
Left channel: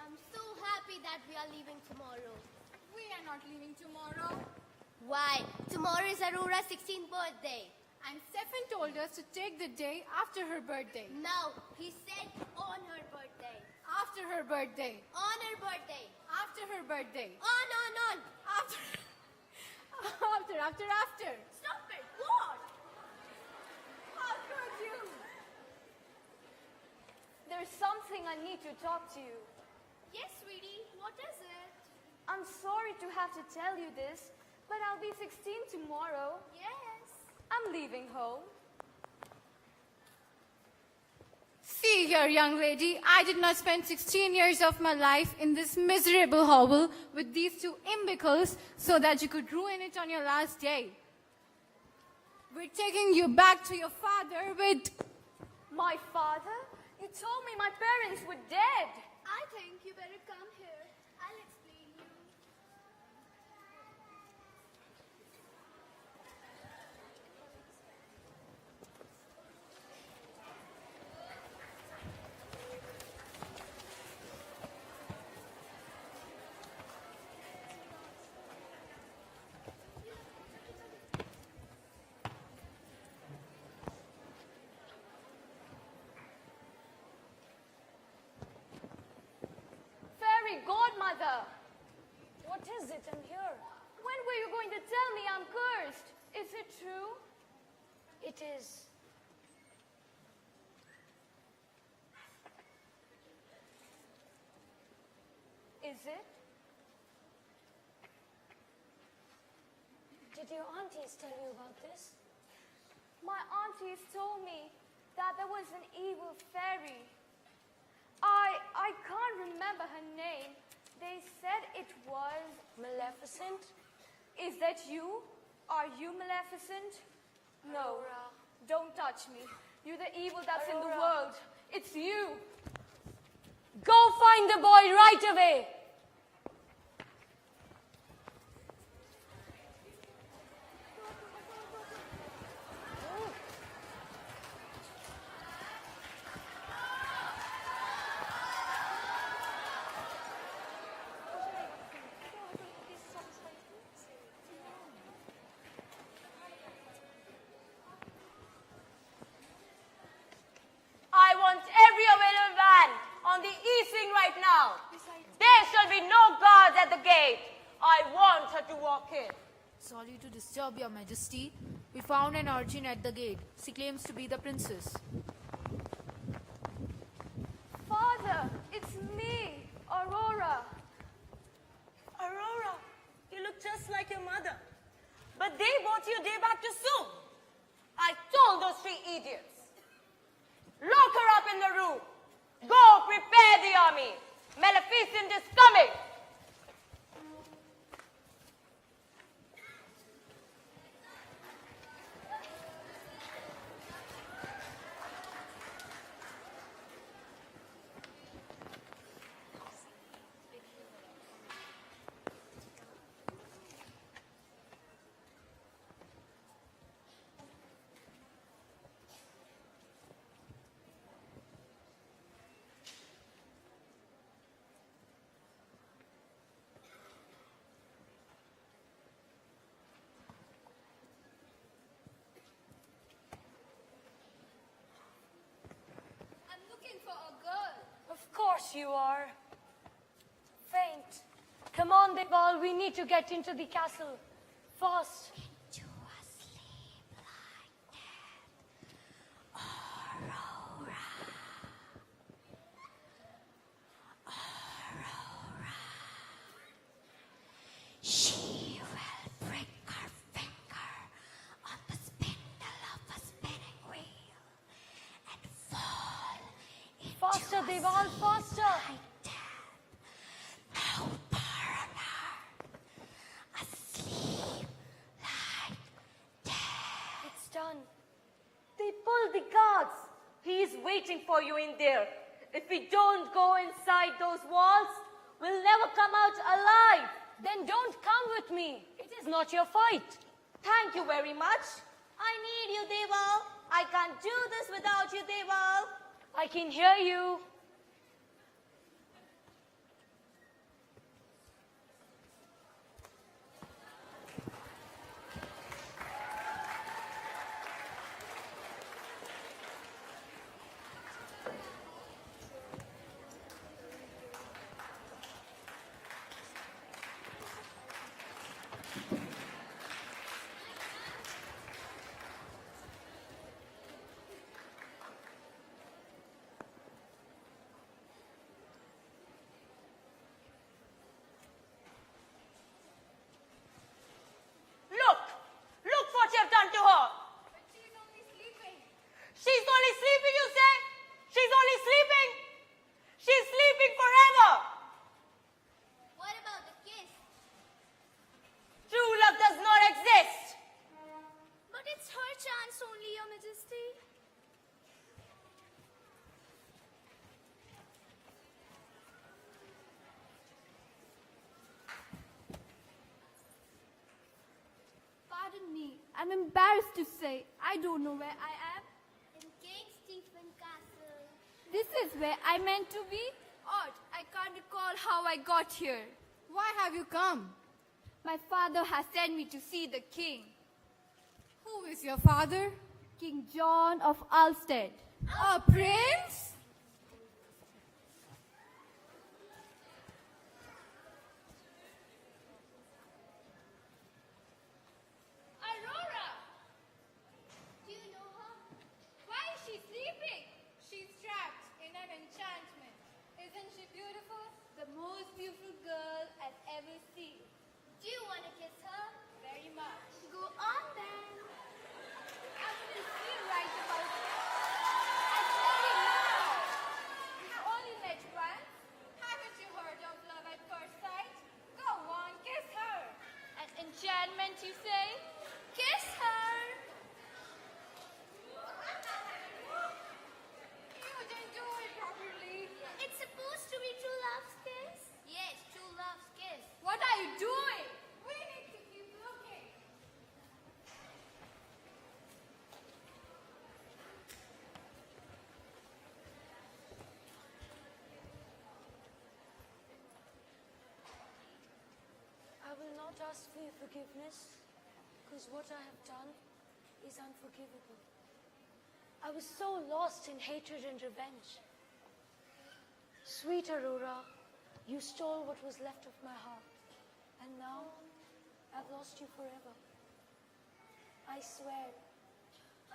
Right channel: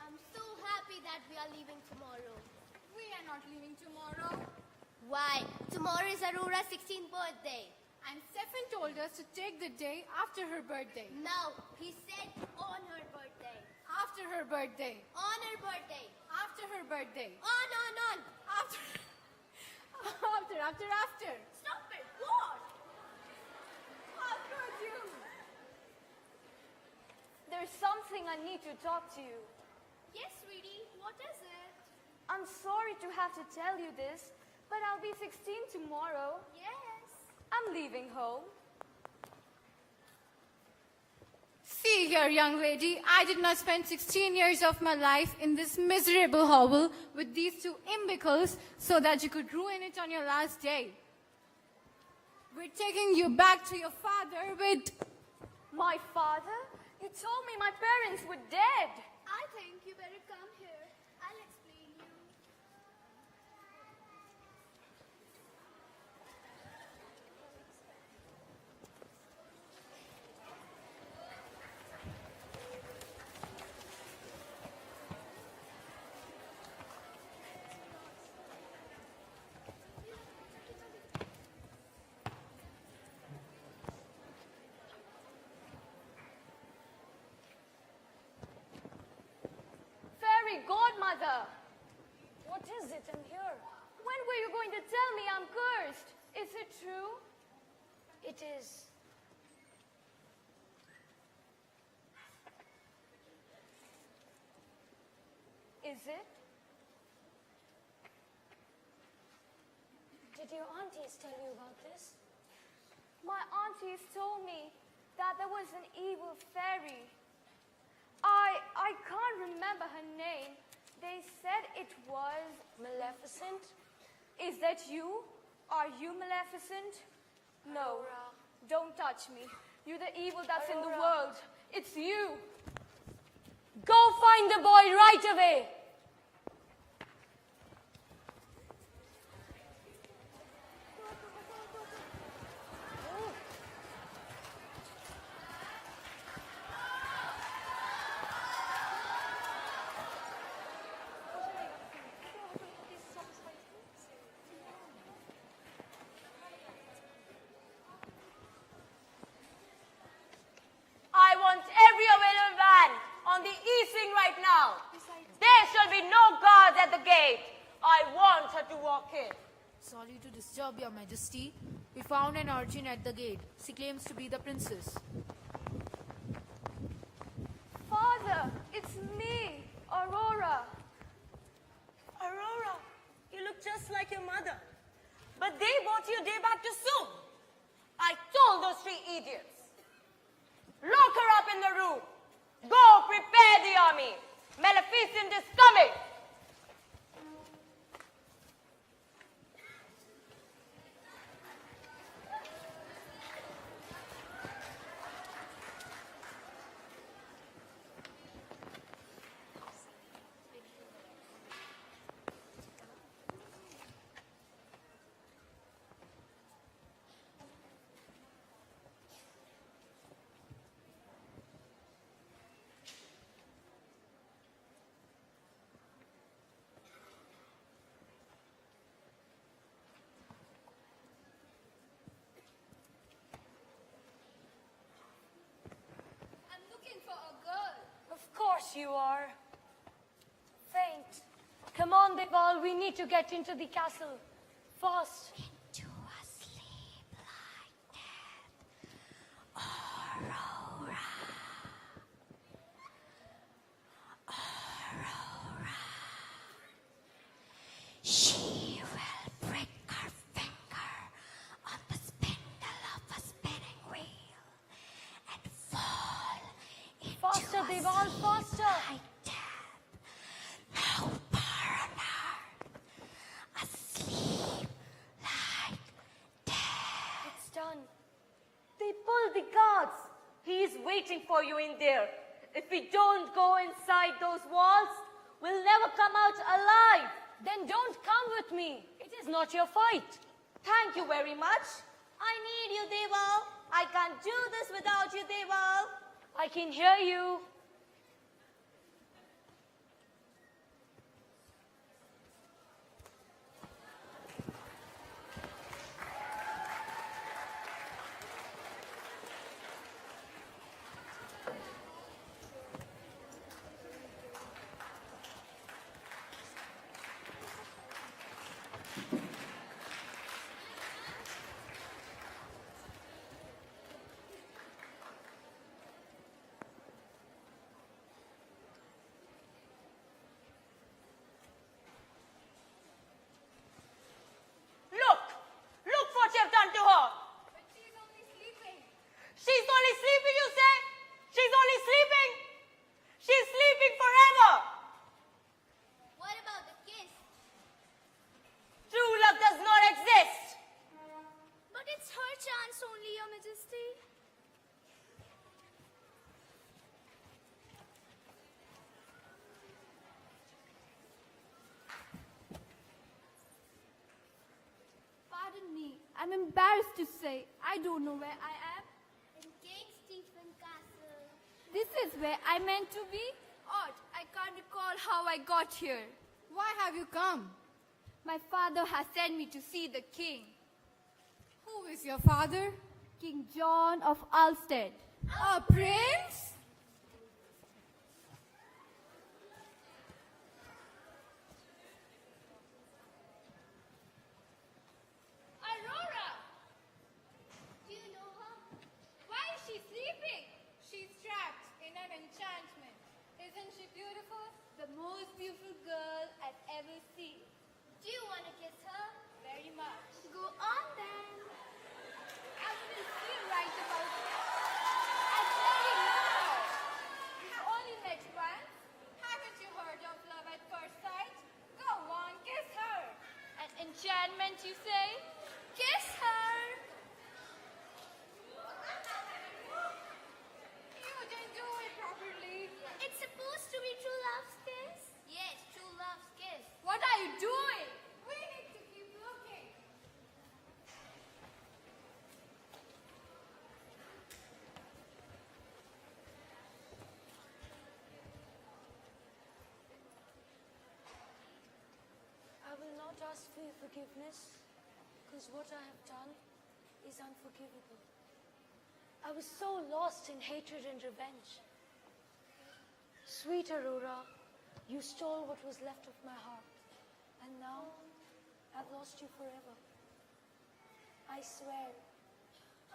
I'm so happy that we are leaving tomorrow. We are not leaving tomorrow. Why? Tomorrow is Aurora's 16th birthday. And Stefan told us to take the day after her birthday. No, he said on her birthday. After her birthday. On her birthday. After her birthday. On. After. After. Stop it. What? How could you? There's something I need to talk to you. Yes, sweetie. What is it? I'm sorry to have to tell you this, but I'll be 16 tomorrow. Yes. I'm leaving home. See here, young lady, I did not spend 16 years of my life in this miserable hovel with these two imbeciles so that you could ruin it on your last day. We're taking you back to your father with... My father? You told me my parents were dead. I think you better come here. I'll explain you. Fairy godmother, What is it? I'm here. when were you going to tell me I'm cursed? Is it true? It is. Is it? Did your aunties tell you about this? My aunties told me that there was an evil fairy. I can't remember her name. They said it was... Maleficent? Is that you? Are you Maleficent? No. Don't touch me. You're the evil that's in the world. It's you. Go find the boy right away! I want every available van on the easing right now. There shall be no guards at the gate. I want her to walk in. Sorry to disturb your majesty. We found an urchin at the gate. She claims to be the princess. Father, it's me, Aurora. Aurora, you look just like your mother. But they brought you a day back too soon. I told those three idiots. Lock her up in the room. Go prepare the army. Maleficent is coming. you are. Faint. Come on, Deval, we need to get into the castle. Fast. Into a sleep like death. Aurora. Aurora. She will prick her finger on the spindle of a spinning wheel and fall into Faster, a Deval, sleep faster. like death. No power on her. Asleep like death. It's done. They pulled the guards. He is waiting for you in there. If we don't go inside those walls, we'll never come out alive. Then don't come with me. It is not your fight. Thank you very much. I need you, Deval. I can't do this without you, Deval. I can hear you. Look! Look what you've done to her! She's only sleeping. She's only sleeping, you say? She's only sleeping? She's sleeping forever! What about the kiss? True love does not exist! But it's her chance only, Your Majesty. Pardon me, I'm embarrassed to say I don't know where I am. In King Stephen Castle. This is where I meant to be? Odd, I can't recall how I got here. Why have you come? My father has sent me to see the king. Who is your father? King John of Ulstead. A prince? Aurora! Do you know her? Why is she sleeping? She's trapped in an enchantment. Isn't she beautiful? The most beautiful girl I've ever seen. Do you want to kiss her? Very much. Go on then. I will see right about that. And very now. You've only met once. Haven't you heard of love at first sight? Go on, kiss her. An enchantment, you say? Kiss her. You didn't do it properly. It's supposed to be true love's kiss. Yes, true love's kiss. What are you doing? We need to keep looking. I will not ask for your forgiveness, because what I have done is unforgivable. I was so lost in hatred and revenge. Sweet Aurora, you stole what was left of my heart, and now I've lost you forever. I swear,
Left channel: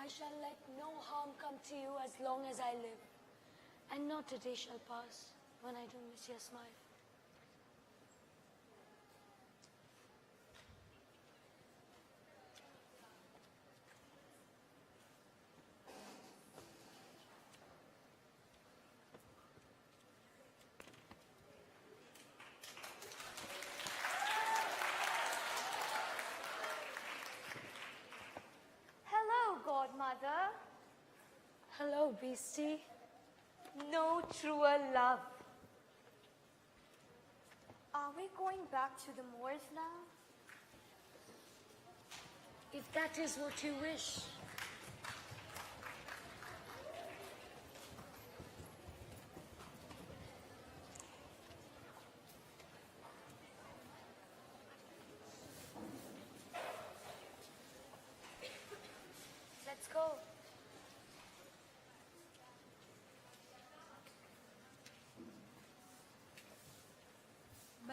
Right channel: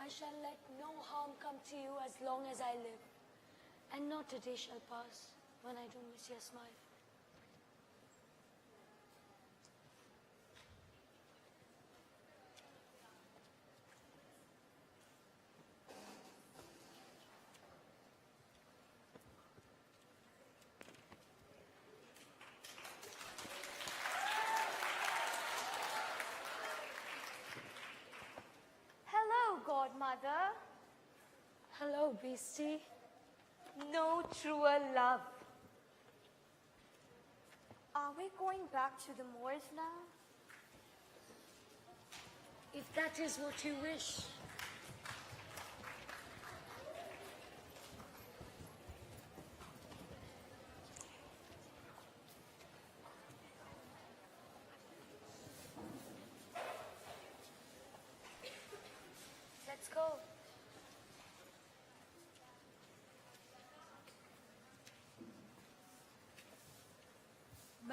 I shall let no harm come to you as long as I live, and not a day shall pass when I do miss your smile. Hello, Godmother. Hello, beastie. No truer love. Are we going back to the moors now? If that is what you wish. Let's go.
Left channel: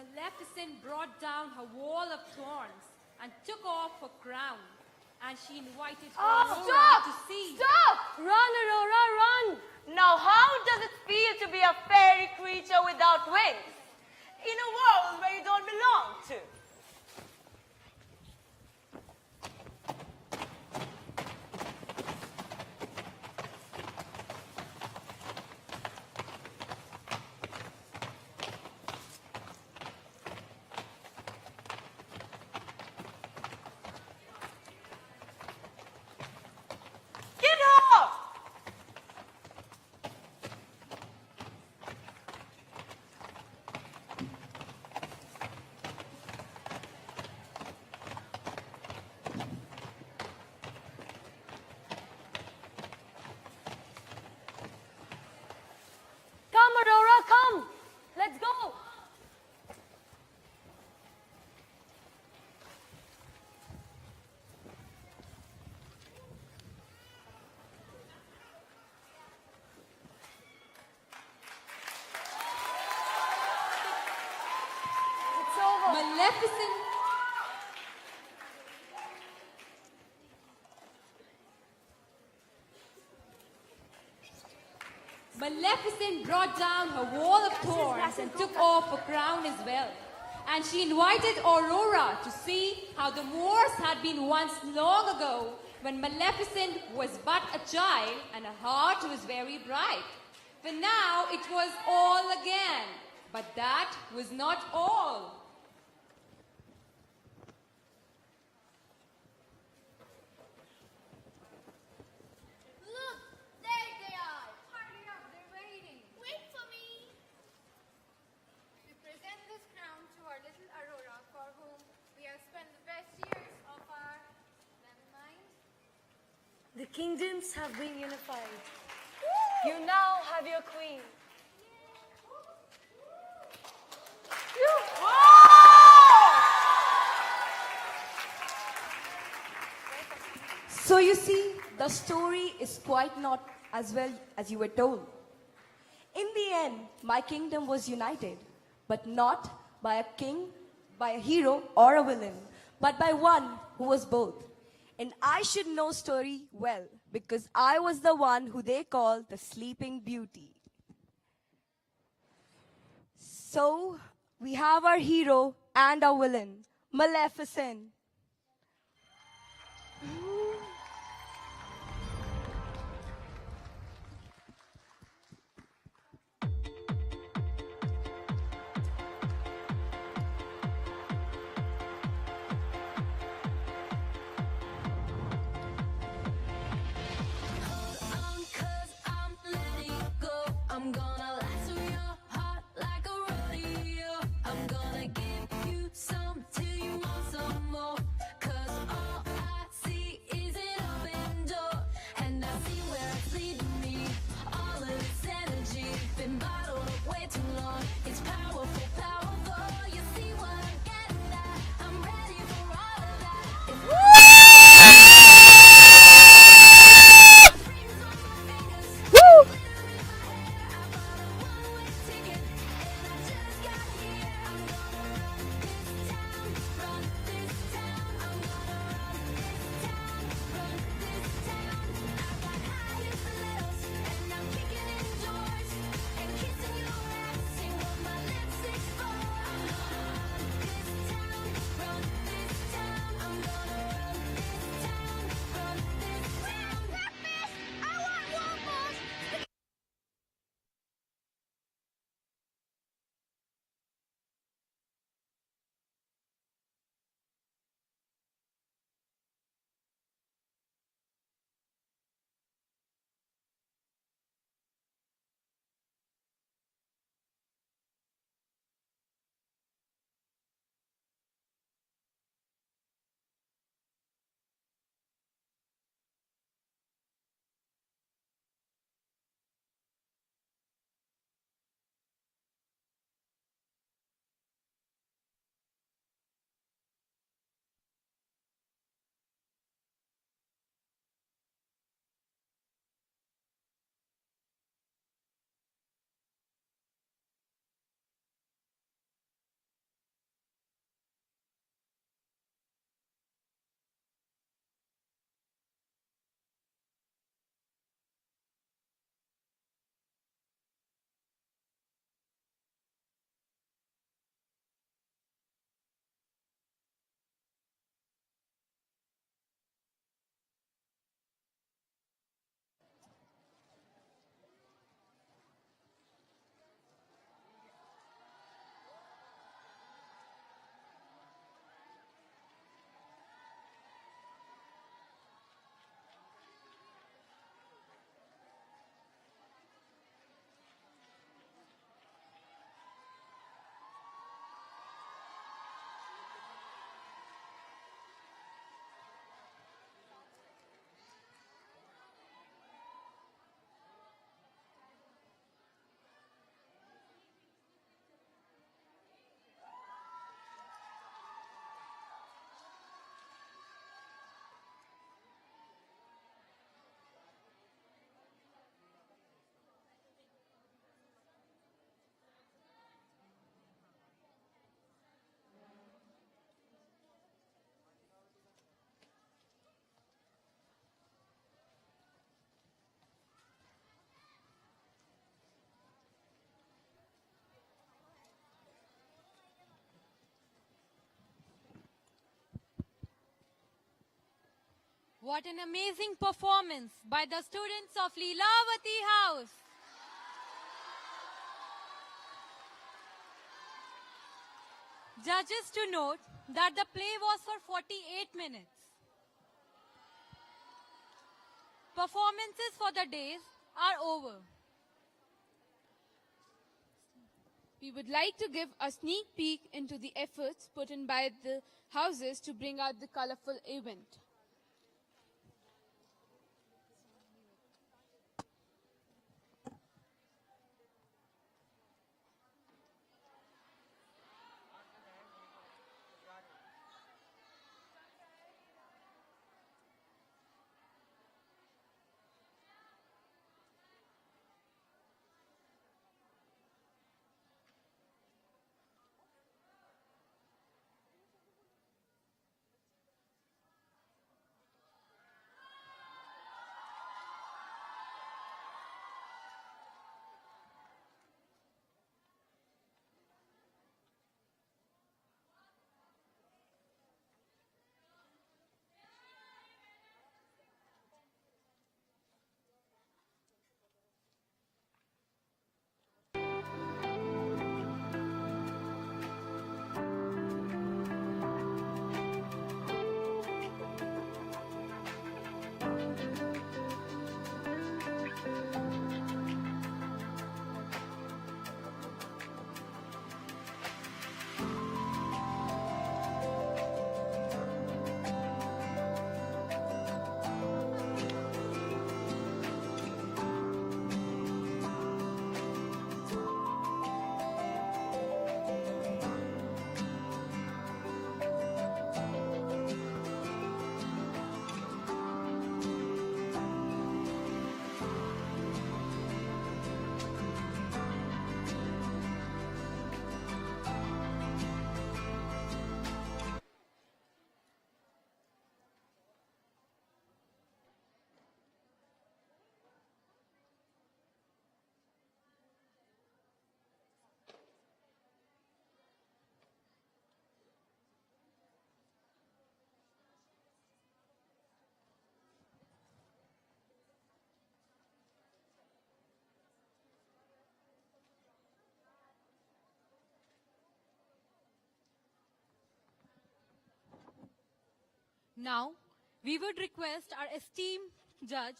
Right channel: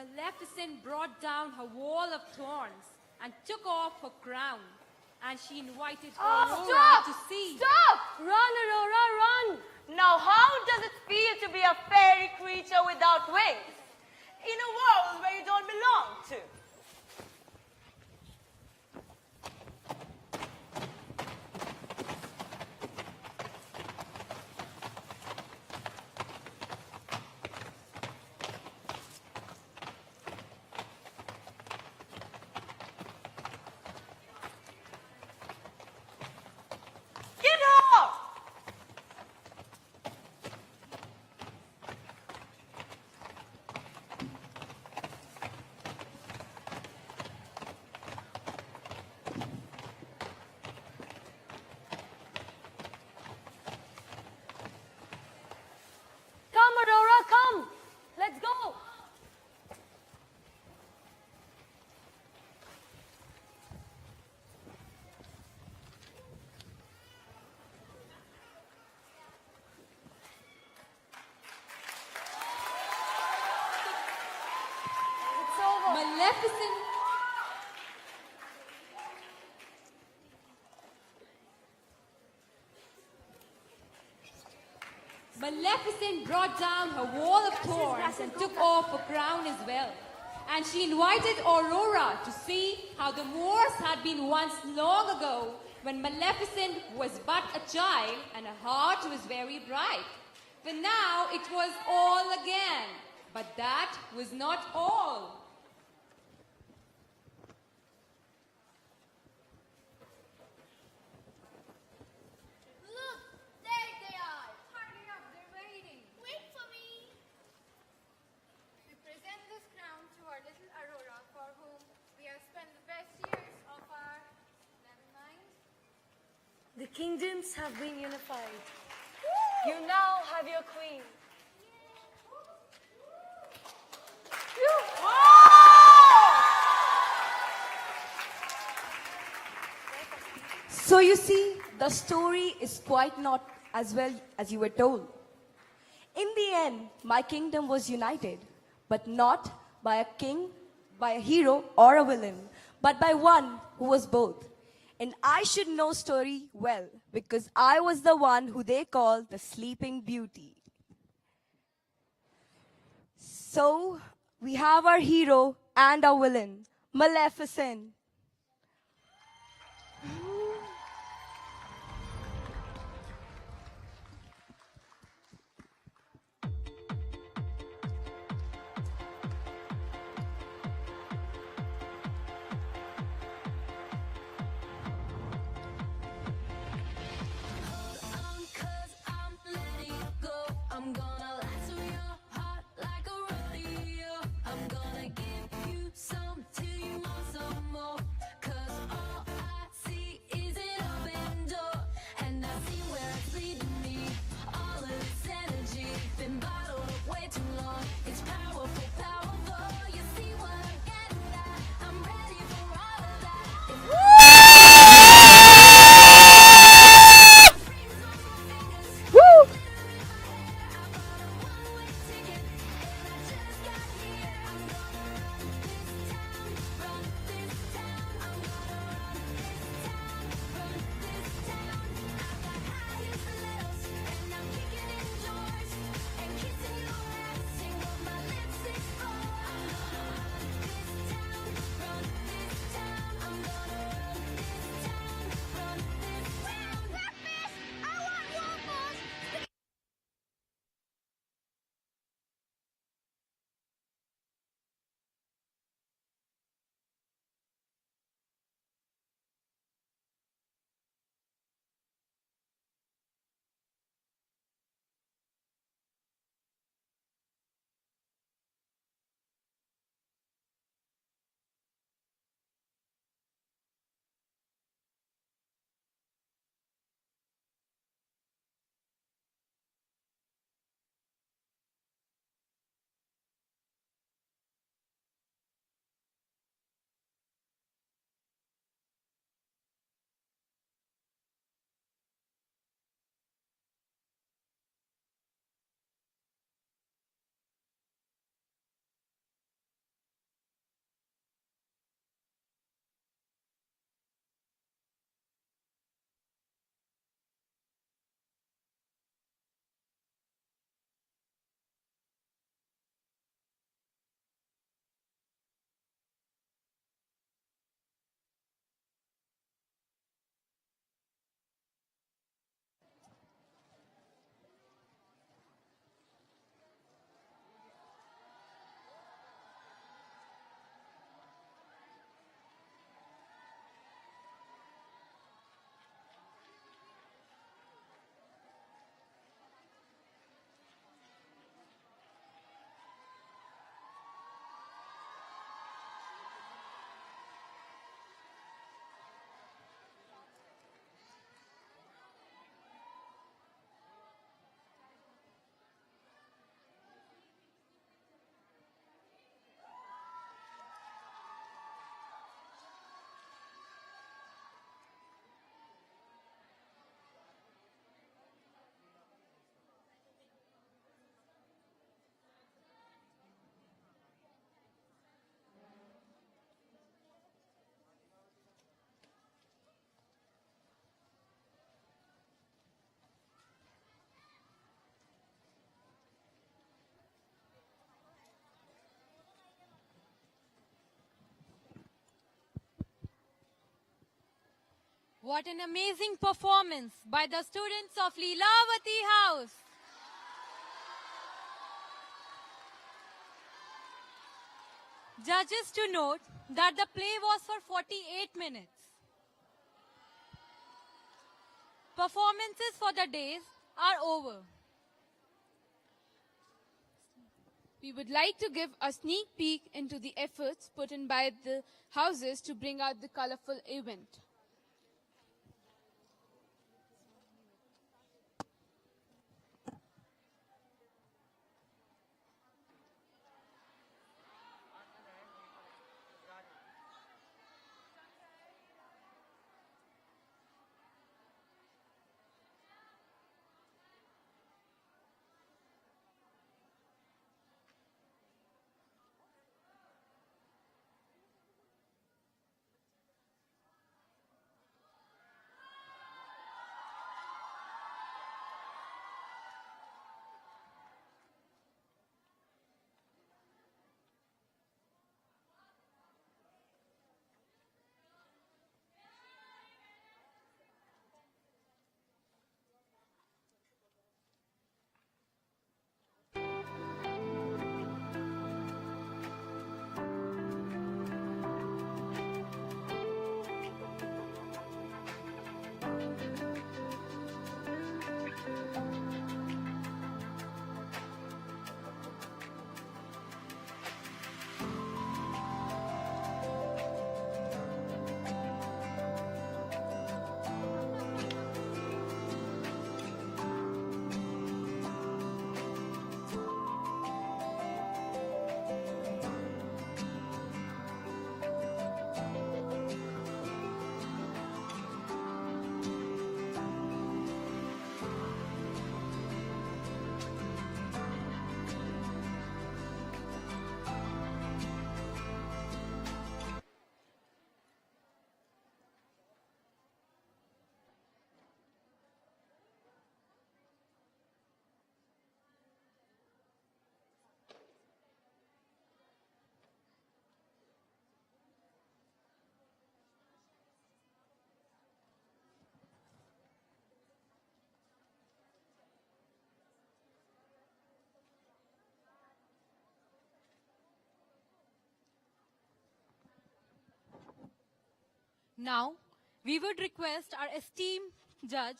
Maleficent brought down her wall of thorns and took off her crown. And she invited Aurora to see. Stop! Run, Aurora, run! Now how does it feel to be a fairy creature without wings? In a world where you don't belong to? Get off! Come, Aurora, come! Let's go! It's over. Maleficent Maleficent brought down her wall of thorns and took off her crown as well. And she invited Aurora to see how the Moors had been once long ago when Maleficent was but a child and her heart was very bright. But now it was all again. But that was not all. Look, there they are. Hurry up, they're waiting. Wait for me. We present this crown to our little Aurora, for whom we have spent the best years of our mankind. The kingdoms have been unified. You now have your queen. So you see, the story is quite not as well as you were told. In the end, my kingdom was united, but not by a king, by a hero or a villain, but by one who was both. And I should know story well, because I was the one who they call the Sleeping Beauty. So, we have our hero and our villain, Maleficent. Some till you want some more. 'Cause all I see is What an amazing performance by the students of Leelawati House. Judges to note that the play was for 48 minutes. Performances for the days are over. We would like to give a sneak peek into the efforts put in by the houses to bring out the colorful event. Now, we would request our esteemed judge,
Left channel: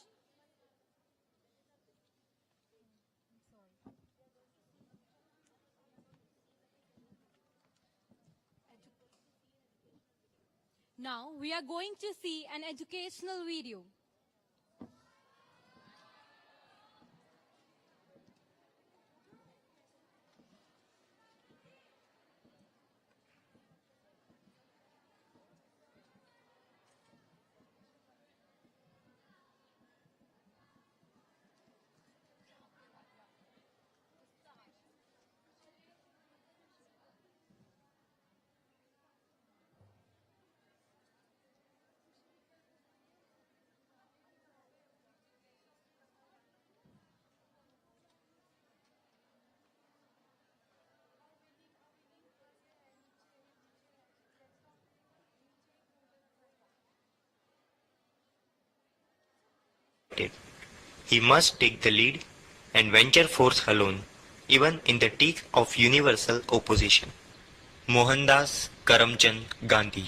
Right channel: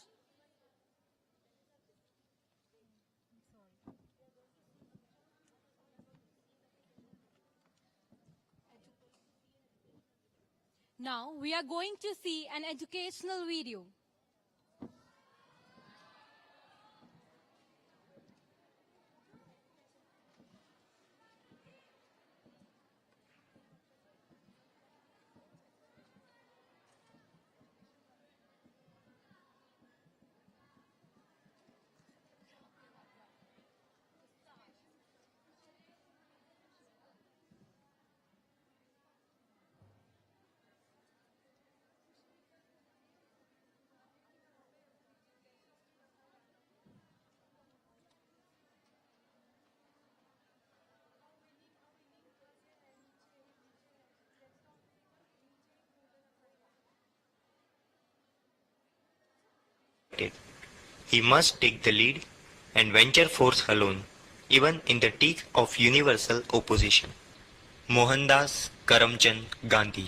now we are going to see an educational video. He must take the lead and venture forth alone, even in the teeth of universal opposition. Mohandas Karamchand Gandhi.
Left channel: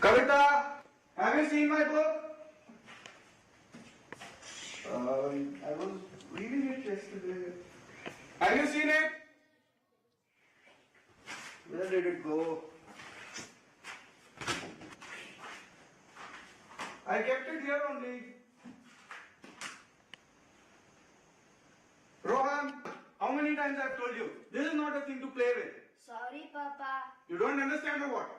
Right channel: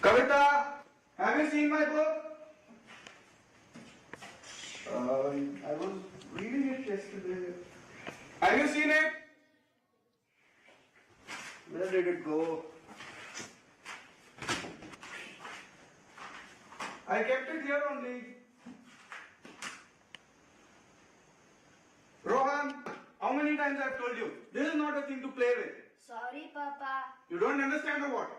Kavita, have you seen my book? I was reading it yesterday. Have you seen it? Where did it go? I kept it here only. Rohan, how many times I've told you? This is not a thing to play with. Sorry, Papa. You don't understand or what?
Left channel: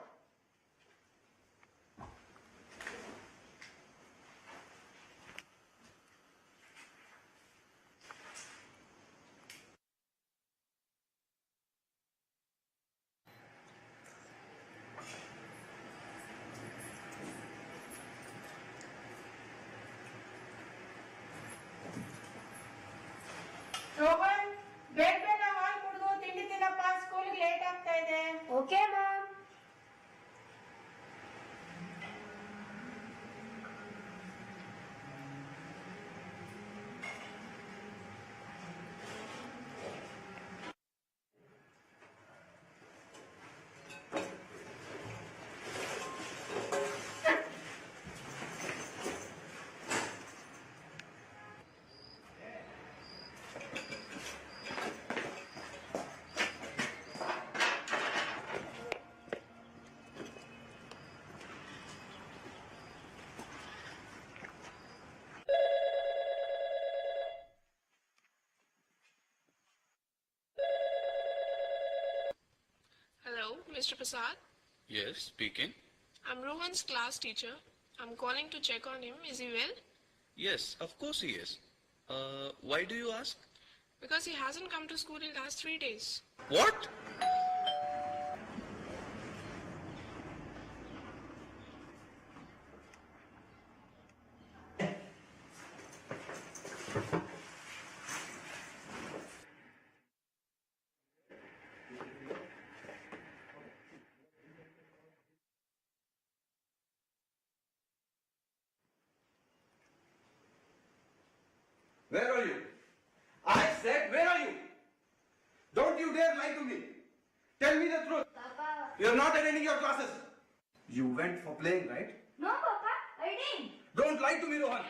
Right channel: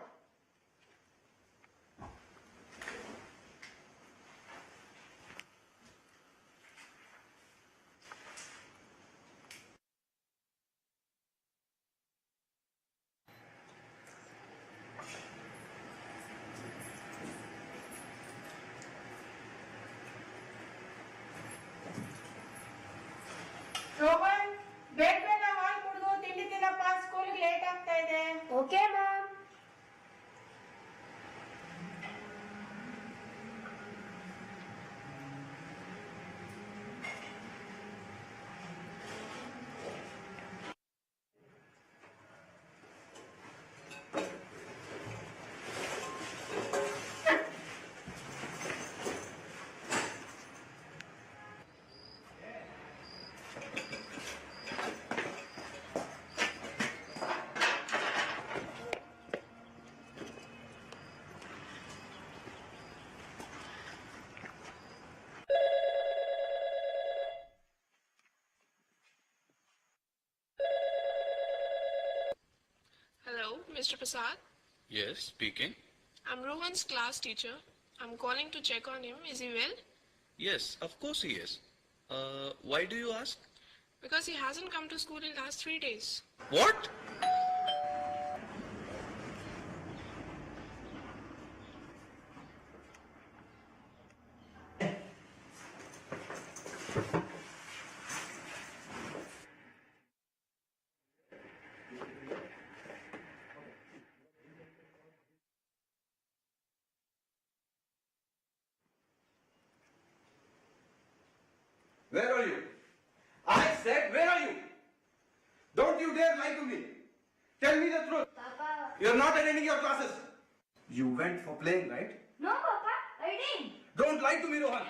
Mr. Prasad, Yes, speaking. I'm Rohan's class teacher. I'm calling to check on him. Is he well? Yes, of course he is. Why do you ask? Because he hasn't come to school in last 3 days. What? Where are you? I said, where are you? Don't you dare lie to me. Tell me the truth. Papa. You're not attending your classes. You went for playing, right? No, Papa, I didn't. Don't lie to me, Rohan.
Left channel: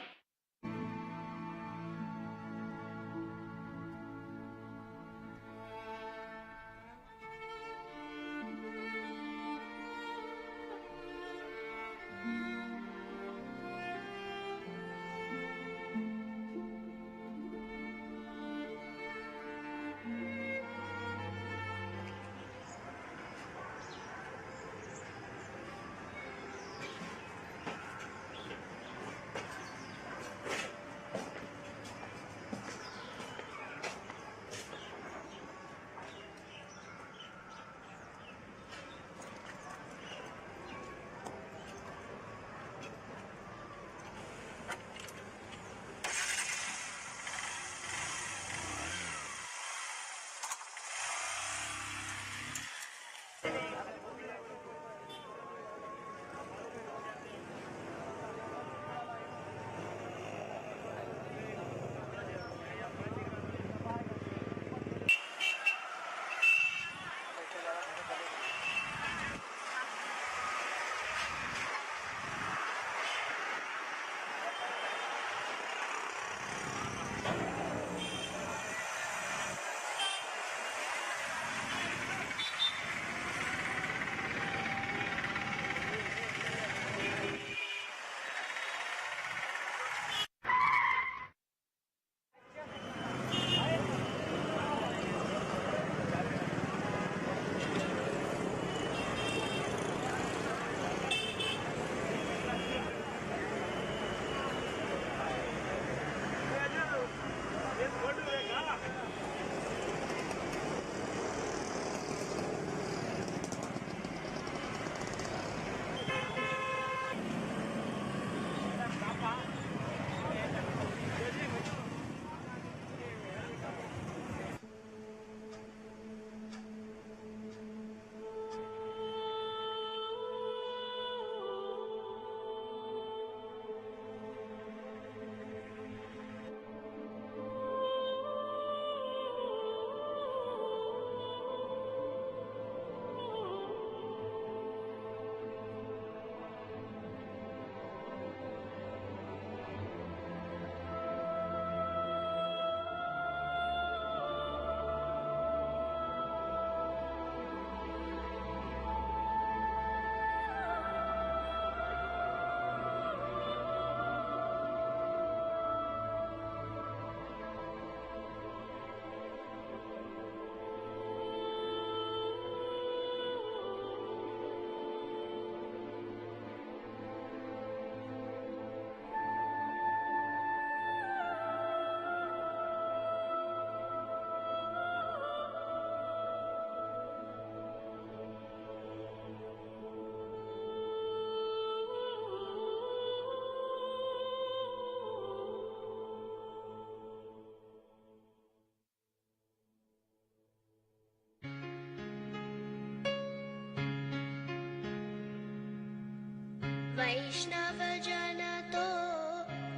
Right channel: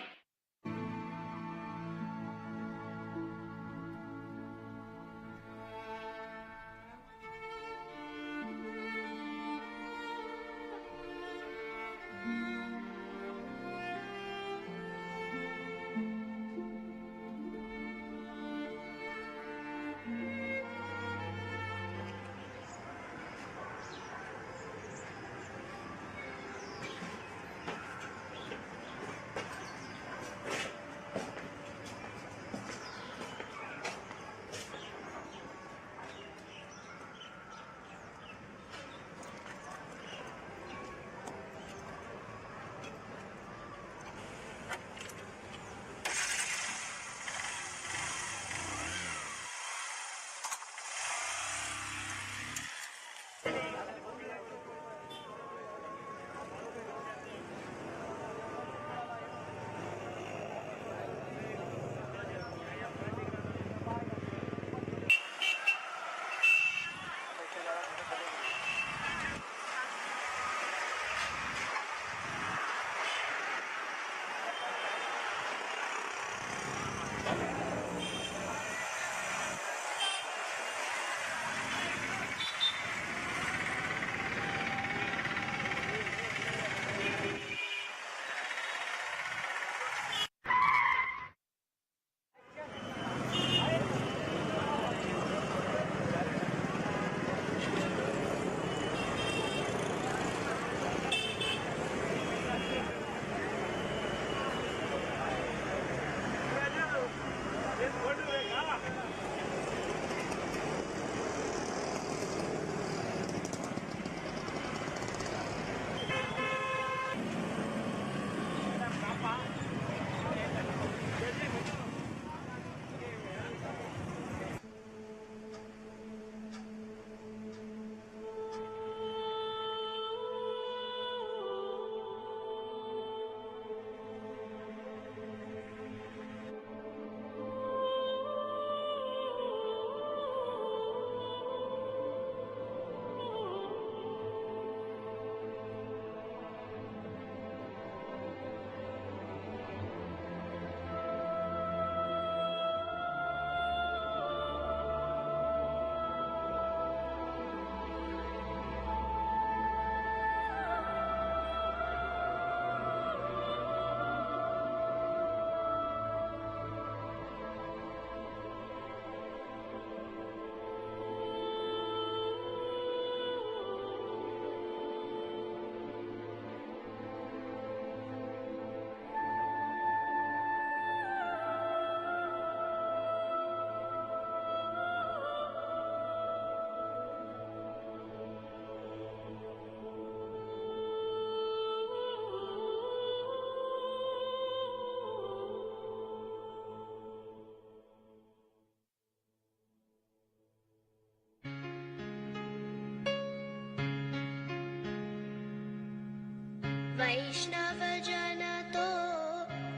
वैष्णव जन तो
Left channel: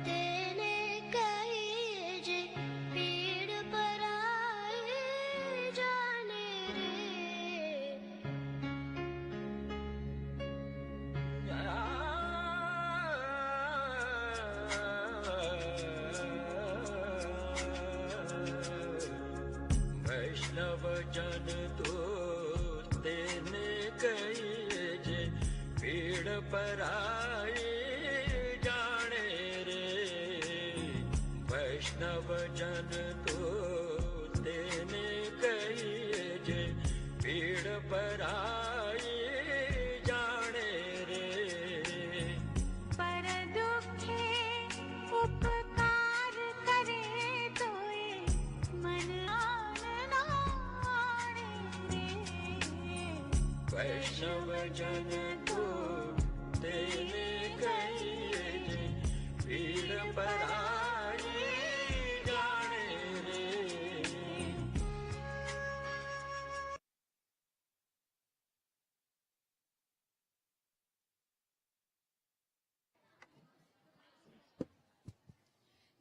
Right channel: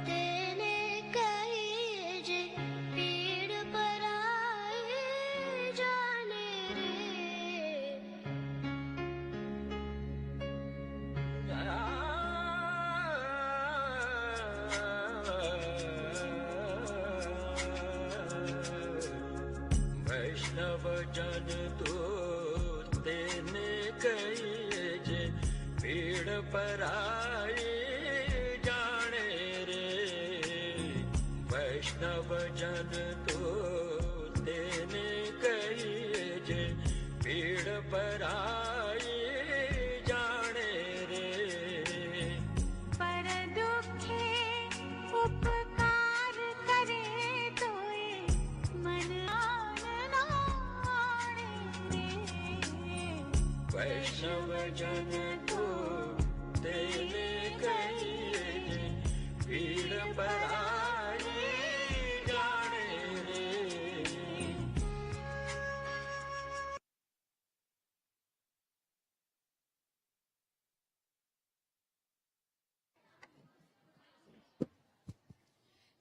तेने कहे जे पीड़ पराए जाने रे। वैष्णव जन तो तेने कहे जे पीड़ पराए जाने रे। वैष्णव जन तो तेने कहे जे पीड़ पराए जन को तेने कहिए जे पीड़ पराई जाने रे।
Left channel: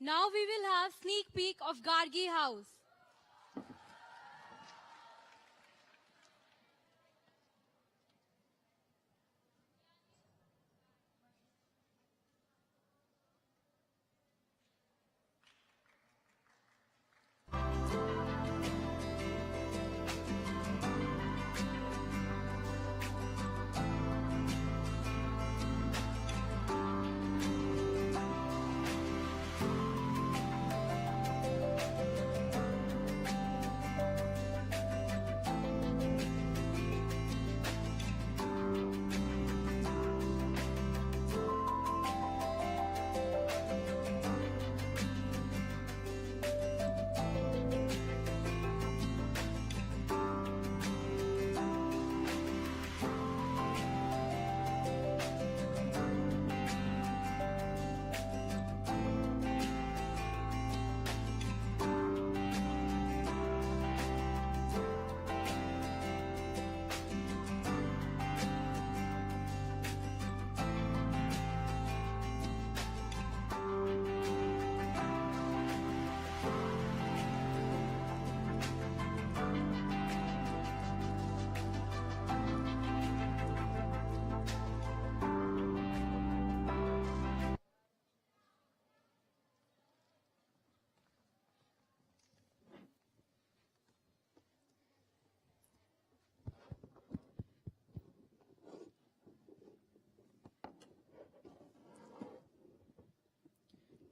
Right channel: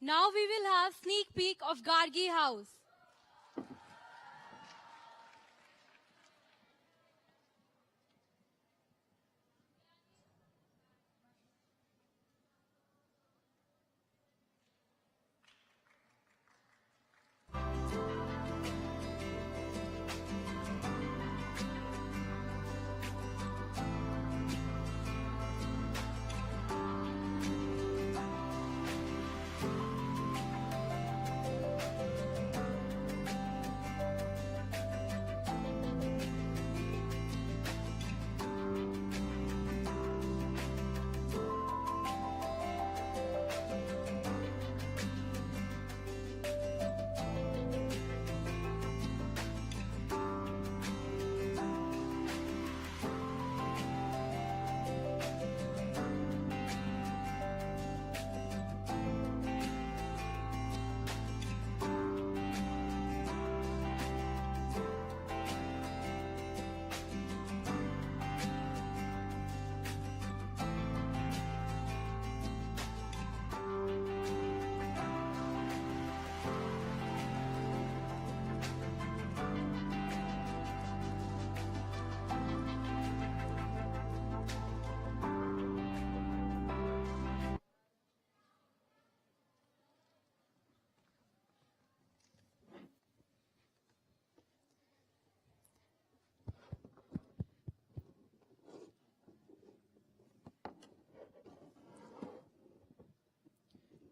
Now we will have sneak peek of Gargi House.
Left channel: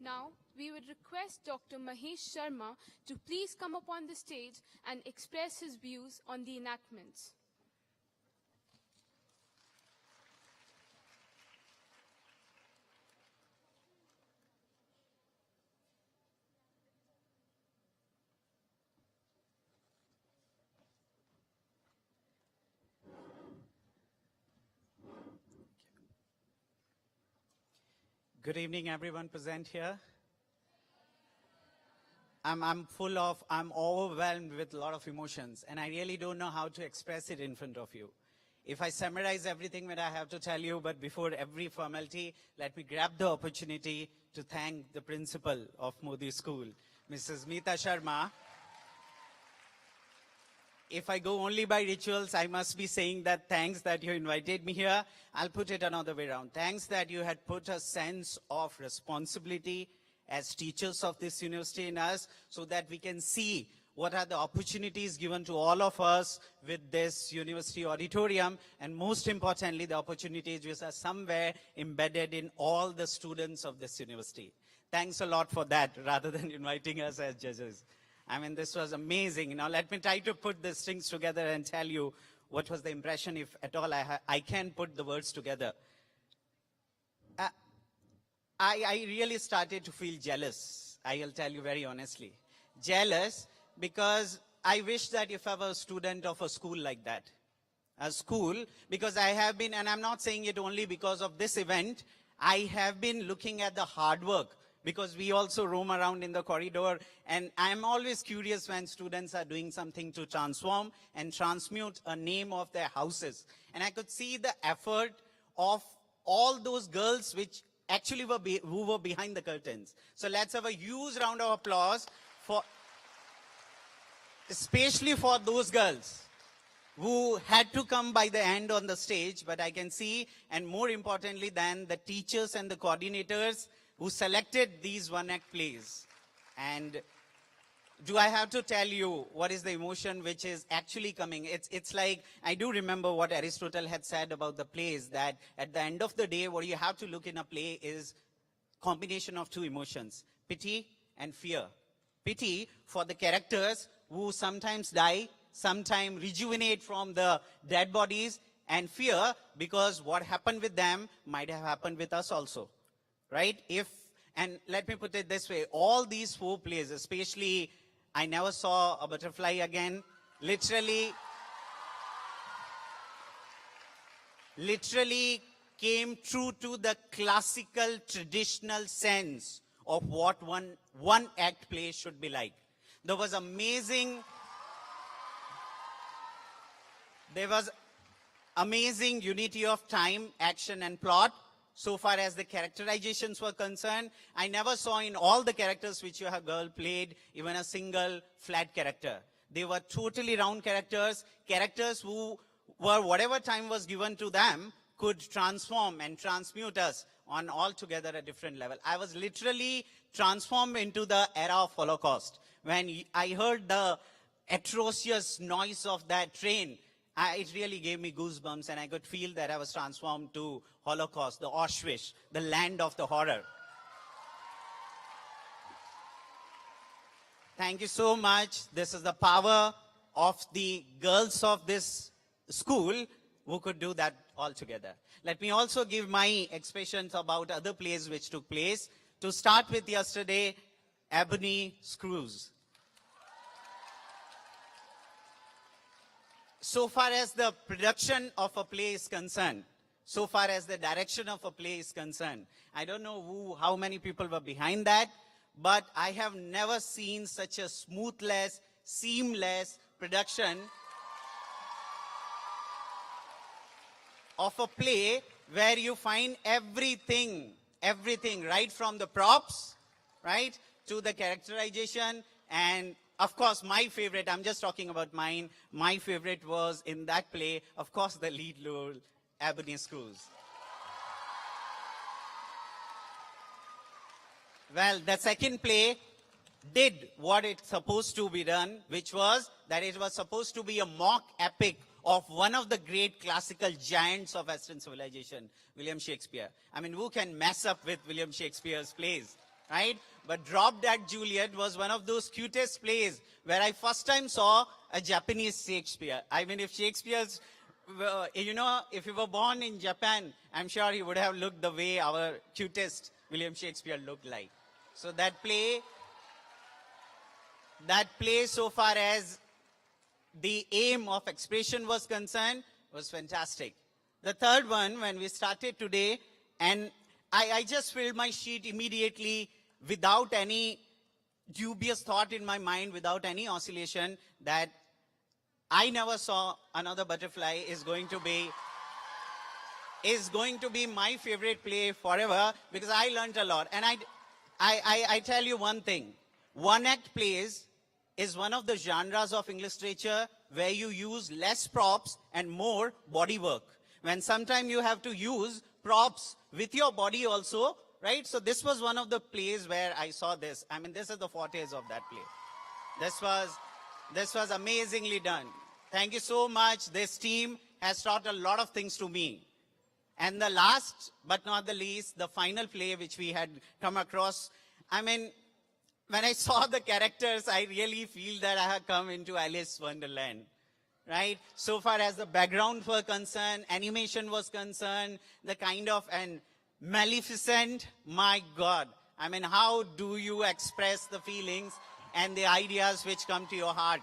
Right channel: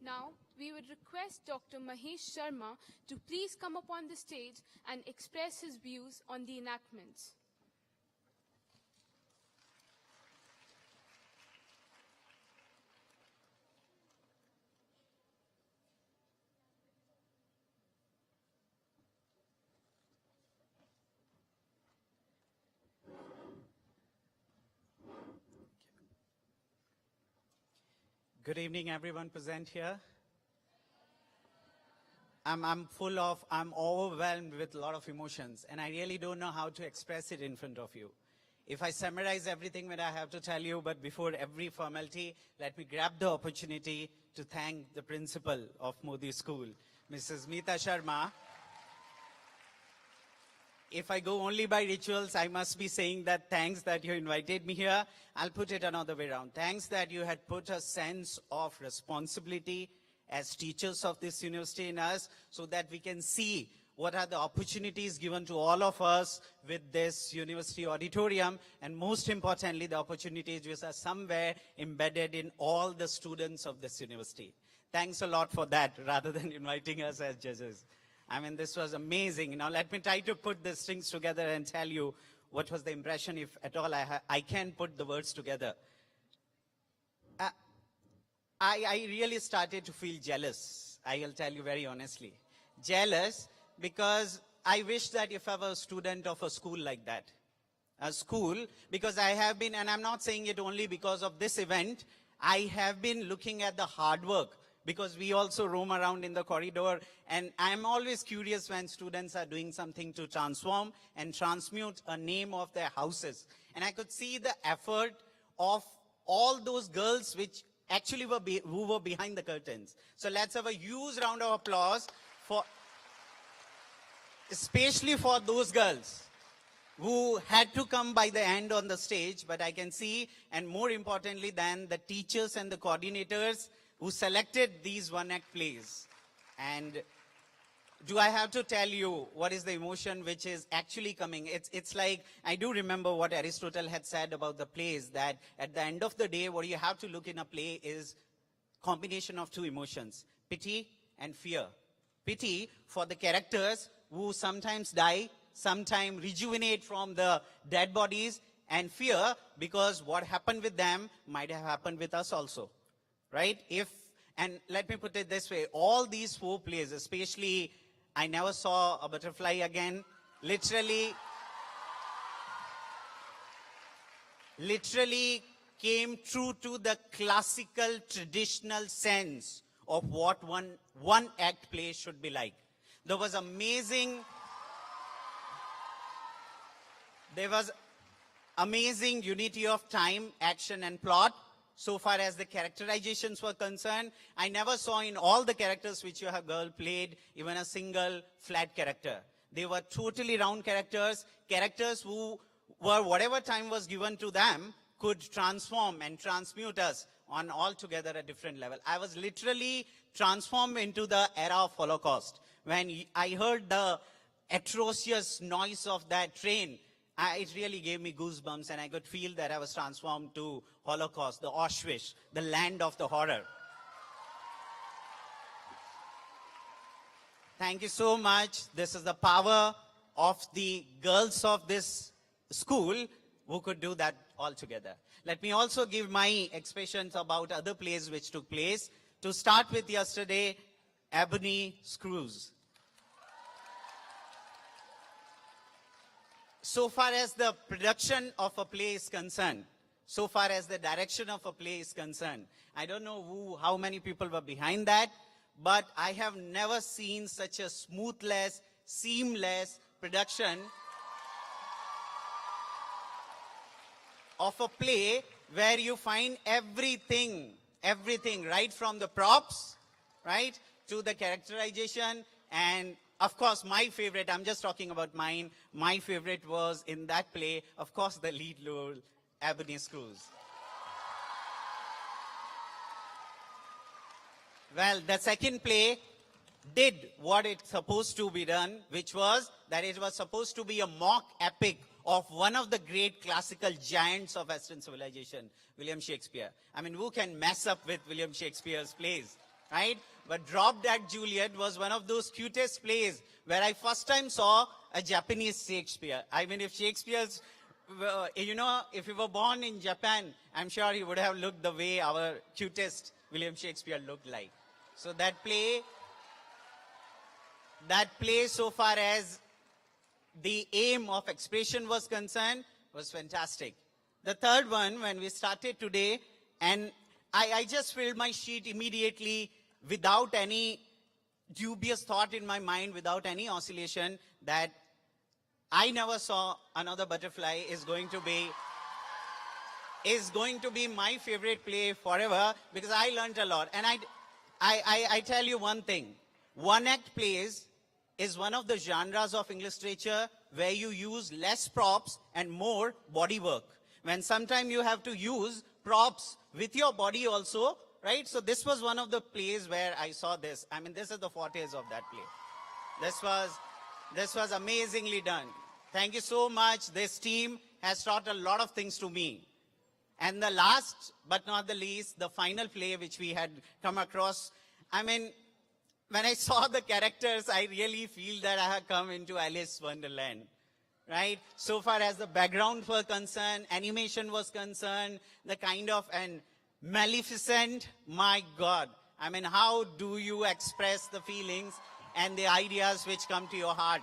Now, we would request Dr. Mahesh Sharma to please come up on the stage and express his views on the enactments. Good evening, everyone present here. I'm overwhelmed with a lot of emotions, and I really don't know how to express it in front of you. If I summarize everything that I have to tell you, but before every formality, let me grab the opportunity to thank the principal of Mody School, Mrs. Meeta Sharma. If I go only by rituals, I must be saying that thanks that you invited me here. I'll put it another way around. Thanks that you had put a sense of responsibility as teachers of this university in us, so that we can see what are the opportunities given to all of us with this university auditorium, and most importantly, the opportunities which are somewhere embedded in all the students of this university. Thanks a lot for that, rather than inviting us as judges. I mean, this was amazing. Now, let me try to put these things together and tell you what was the impression, if at all I can put the words together. I really started to feel jealous. I will tell you very honestly. Jealous because I wish that if I were a student of a school like that. A school, because I have been, and I'm not saying it only because of this event, I have been looking at the hard work, because we also roam around in the corridor, and I'm always curious when students are doing something to transform and transmute a name of their houses. And I could see the effort of all those girls which actually who were behind the curtains. So let's have a huge round of applause for, especially for those girls who had to come by the end on the stage, but I can see, and more importantly than the teachers and the coordinators who selected these one-act plays. And do I have to tell you what is the emotion which is actually coming? It's like, I do remember what Aristotle had said about the plays, that at the end of the day, what you have to look in a play is combination of two emotions, pity and fear. Pity for the characters who sometimes die, sometimes rejuvenate from the dead bodies, and fear because what happened with them might have happened with us also, right? And let me put it this way, all these four plays, especially I Never Saw a Butterfly Again, literally, literally came true to the classical traditional sense of what one act play should be like. There was amazing unity of time, action and plot. So far as the characterizations were concerned, I never saw in all the characters which you have girl played even a single flat character. They were totally round characters, characters who were, whatever time was given to them, could transform and transmute us on altogether a different level. I was literally transformed into the era of Holocaust. When I heard the atrocious noise of that train, it really gave me goosebumps, and I could feel that I was transformed to Holocaust, the Auschwitz, the land of the horror. Thank you so much. This is the power of the girls of this school who could do that all together. Let me also give my expressions about other plays which took place. To start with yesterday, Ebony Screws. So far as the production of a play is concerned, so far as the direction of a play is concerned, I don't know how many people were behind that, but I have never seen such a smoothless, seamless production of a play where you find everything, right from the props, right, to the characterization. And of course, my favorite, I'm just talking about mine, my favorite was in that play, of course, the lead role, Ebony Screws. Well, the second play did what it's supposed to be done, which was that it was supposed to be a mock epic of one of the great classical giants of Western civilization, William Shakespeare. I mean, who can mess up with William Shakespeare's plays, right? But Drop Dead Juliet was one of those cutest plays where I first time saw a Japanese Shakespeare. I mean, if Shakespeare's, if he were born in Japan, I'm sure he would have looked the way our cutest William Shakespeare looked like. So that play so far as the aim of expression was concerned was fantastic. The third one, when we started today, and I just filled my sheet immediately without any dubious thought in my mind, without any oscillation, that I never saw another butterfly is going to be my favorite play forever, because I learned a lot. And I tell you one thing, one act plays is one of the genres of English literature where you use less props and more body work. When sometimes you have to use props with your body also, right? So this was one of the plays where I saw this. I mean, this is the fortes of that play. This was amazingly done. Thank you so much. This team has taught a lot of things to me. And the last but not the least, the final play which we had come across, I mean, when I saw the characters, I really feel that I have come into Alice Wonderland, right? So far as the background was concerned, animation was concerned, the kind of an Maleficent, my God. I mean, how do you express the feelings and the ideas which come to your heart?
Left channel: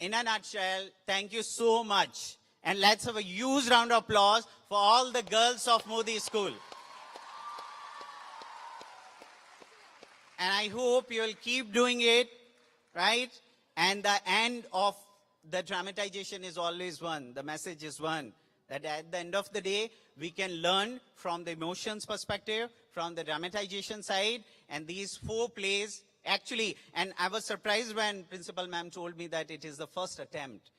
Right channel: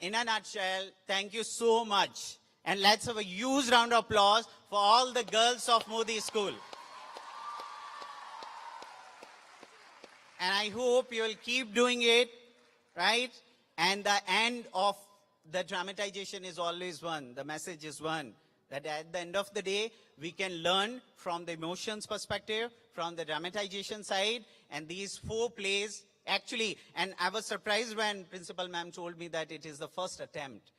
In a nutshell, thank you so much. And let's have a huge round of applause for all the girls of Mody School. And I hope you will keep doing it, right? And the end of the dramatization is always one. The message is one. That at the end of the day, we can learn from the emotions perspective, from the dramatization side, and these 4 plays actually, and I was surprised when Principal Ma'am told me that it is the first attempt,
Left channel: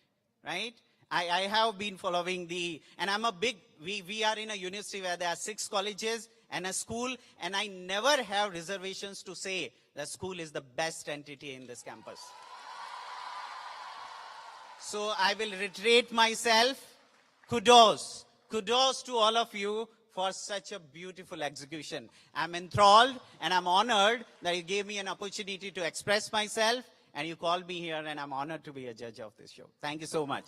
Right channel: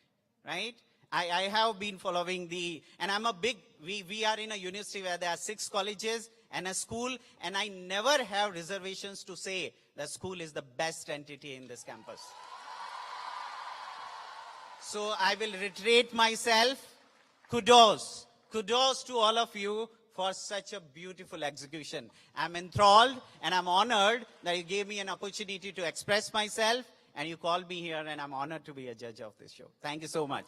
right? I have been following and I'm a big, we are in a university where there are 6 colleges and a school, and I never have reservations to say the school is the best entity in this campus. So I will reiterate myself. Kudos to all of you for such a beautiful execution. I'm enthralled and I'm honored that you gave me an opportunity to express myself, and you called me here, and I'm honored to be a judge of this show. Thank you so much.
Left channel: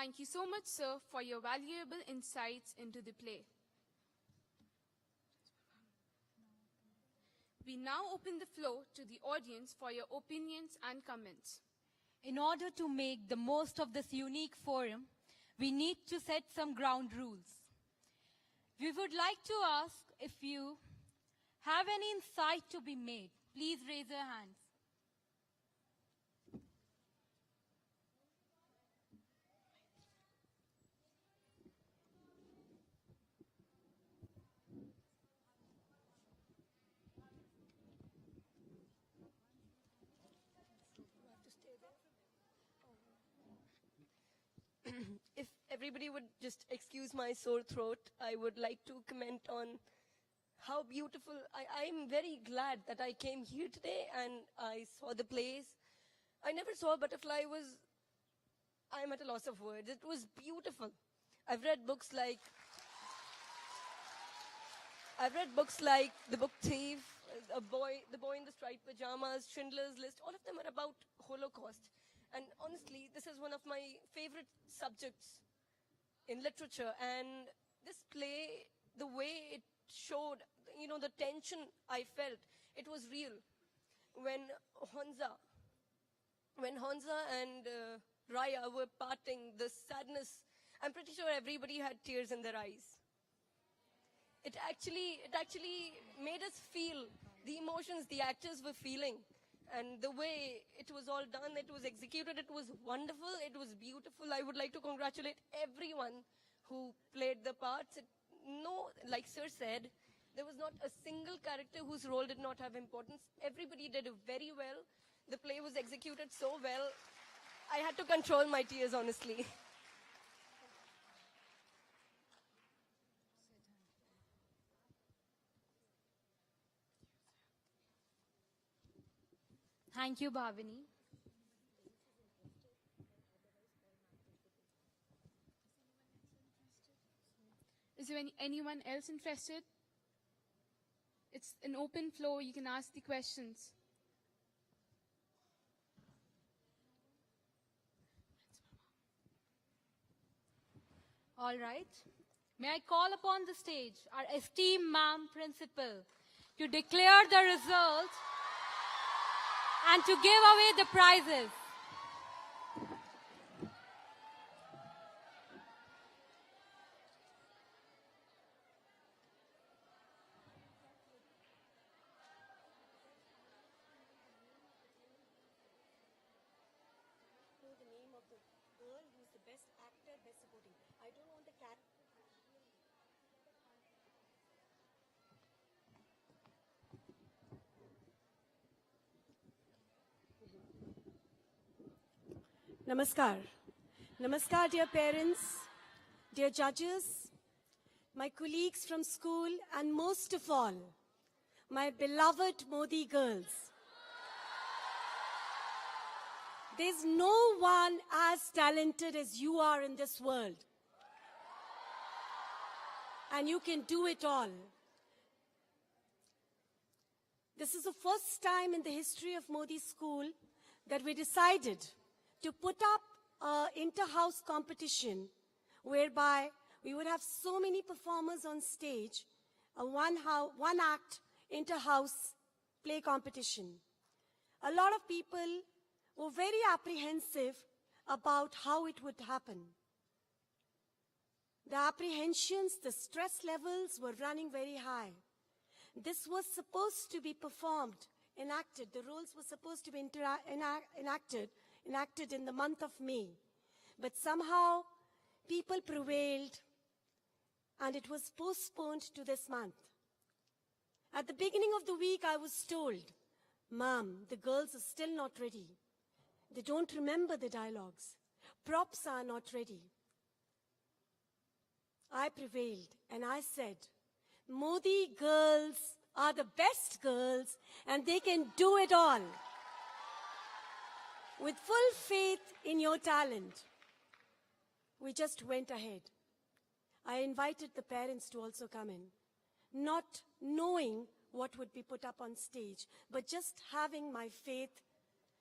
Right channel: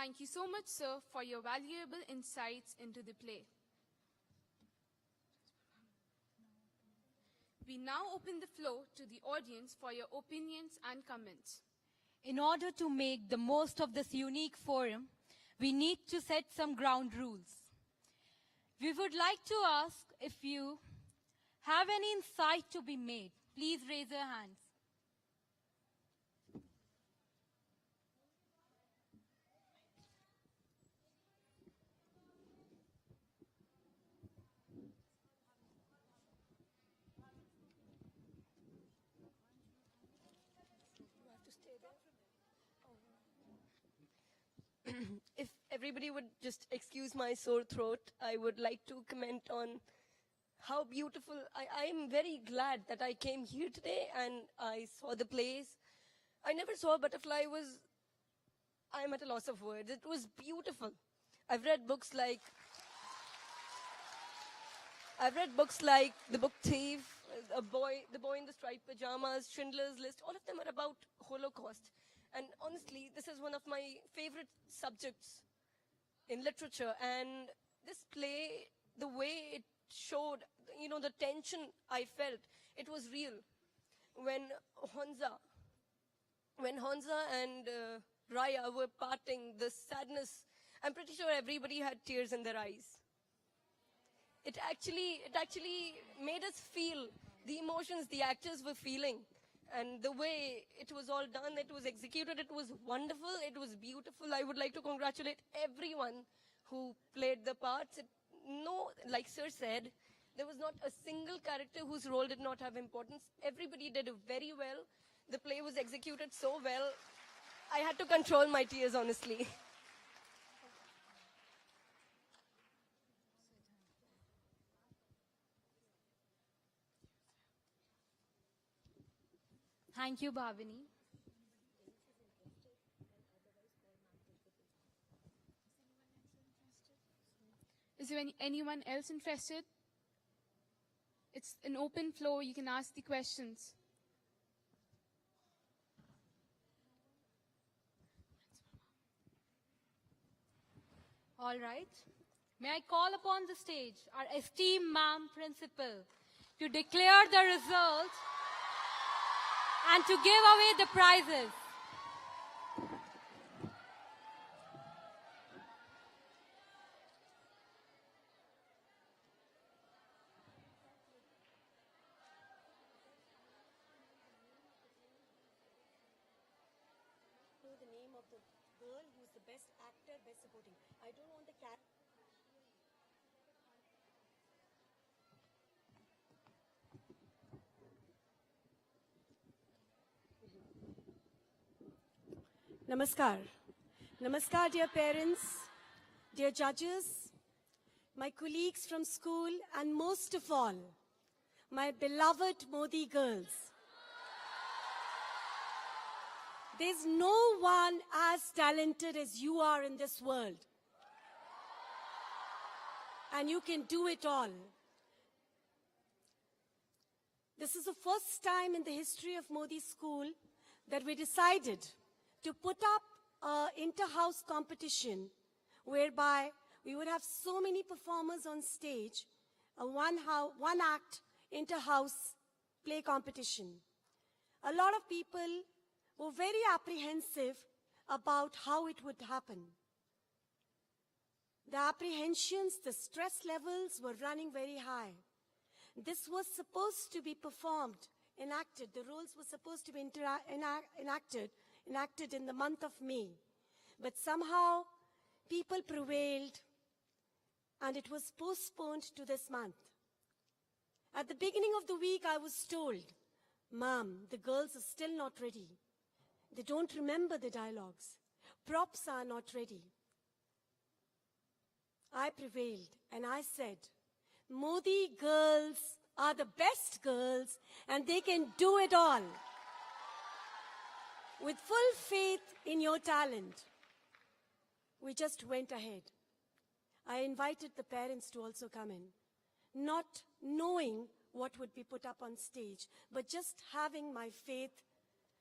Thank you so much, sir, for your valuable insights into the play. We now open the floor to the audience for your opinions and comments. In order to make the most of this unique forum, we need to set some ground rules. We would like to ask if you have any insight to be made. Please raise your hands. If everybody would just excuse my sore throat, I would like to comment on how beautiful. I'm very glad that I came here today and I saw the plays. I never saw Butterfly. I'm at a loss of words. It was beautiful. I've read books like The Book Thief, The Boy in the Striped Pajamas, Schindler's List. All of them are about Holocaust. And honestly, this is one of my favorite subjects in literature. And this play, the way it showed, the tension I felt, it was real. When Honza and Raya were parting, the sadness, I'm pretty sure everybody had tears in their eyes. It actually made us feel the emotions the actors were feeling. And the way it was all done, it was executed, it was wonderful, it was beautiful. I would like to congratulate everyone who played the parts. Like Sir said, there was not a single character whose role did not have importance. Everybody did very well. The play was executed so well. I had to control my tears, honestly. Thank you, Bhavini. Is there anyone else interested? It's an open floor. You can ask the questions. All right. May I call upon the stage our esteemed ma'am principal to declare the result and to give away the prizes. The name of the girl who's the best actor, best supporting. I don't want the cat. Namaskar. Namaskar, dear parents, dear judges, my colleagues from school, and most of all, my beloved Mody girls. There's no one as talented as you are in this world. And you can do it all. This is the first time in the history of Mody School that we decided to put up an inter-house competition whereby we would have so many performers on stage, a one-act inter-house play competition. A lot of people were very apprehensive about how it would happen. The apprehensions, the stress levels were running very high. This was supposed to be performed, enacted. The roles were supposed to be enacted in the month of May. But somehow people prevailed and it was postponed to this month. At the beginning of the week, I was told, Ma'am, the girls are still not ready. They don't remember the dialogues. Props are not ready. I prevailed and I said, Mody girls are the best girls and they can do it all. With full faith in your talent, we just went ahead. I invited the parents to also come in, not knowing what would be put up on stage, but just having my faith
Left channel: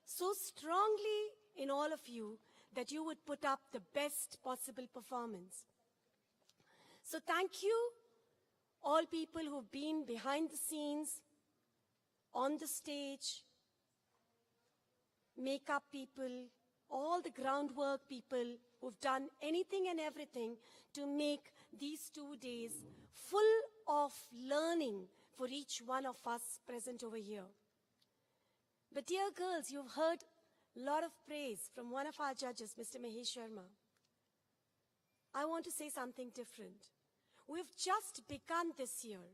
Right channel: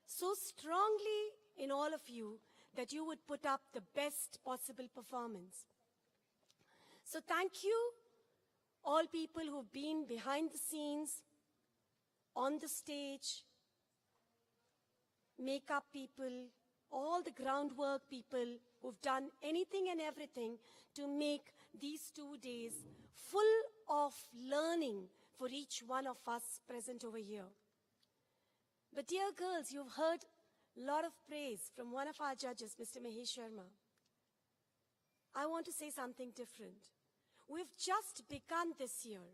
so strongly in all of you that you would put up the best possible performance. So thank you, all people who've been behind the scenes, on the stage, makeup people, all the groundwork people who've done anything and everything to make these 2 days full of learning for each one of us present over here. But dear girls, you've heard a lot of praise from one of our judges, Mr. Mahesh Sharma. I want to say something different. We've just begun this year.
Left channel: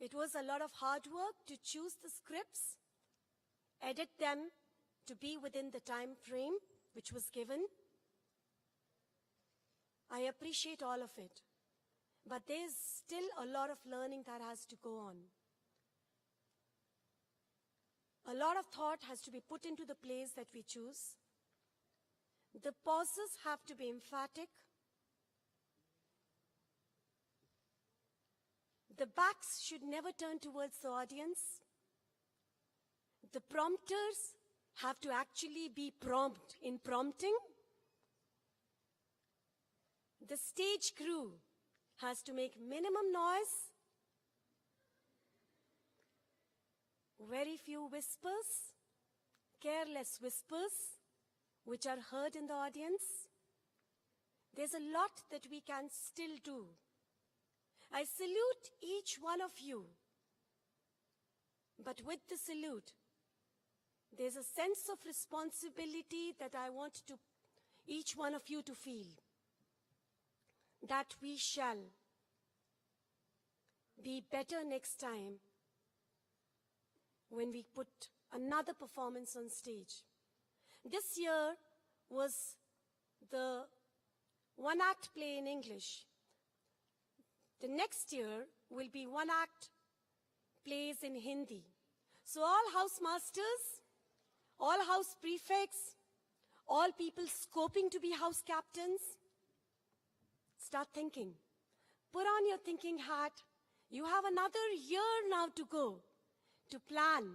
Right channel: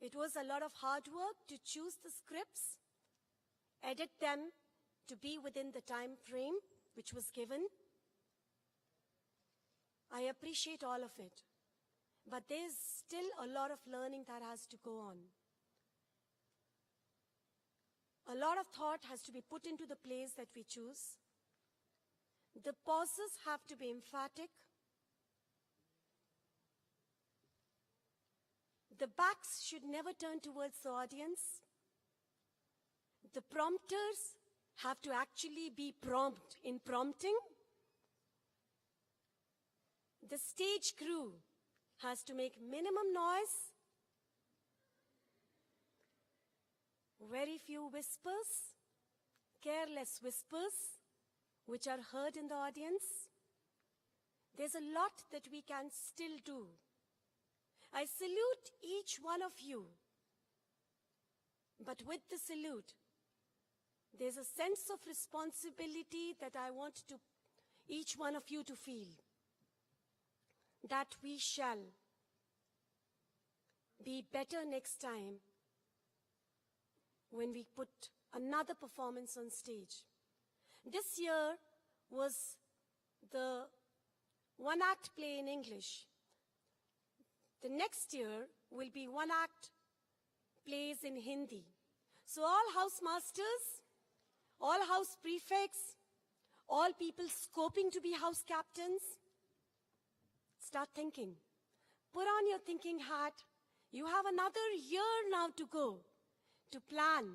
It was a lot of hard work to choose the scripts, edit them to be within the time frame which was given. I appreciate all of it. But there's still a lot of learning that has to go on. A lot of thought has to be put into the plays that we choose. The pauses have to be emphatic. The backs should never turn towards the audience. The prompters have to actually be prompt in prompting. The stage crew has to make minimum noise. Very few whispers, careless whispers, which are heard in the audience. There's a lot that we can still do. I salute each one of you. But with the salute, there's a sense of responsibility that I want to each one of you to feel. That we shall be better next time when we put another performance on stage. This year was the one-act play in English. The next year will be one-act plays in Hindi. So all house masters, all house prefects, all people scoping to be house captains, start thinking. Put on your thinking hat. You have another year now to go to plan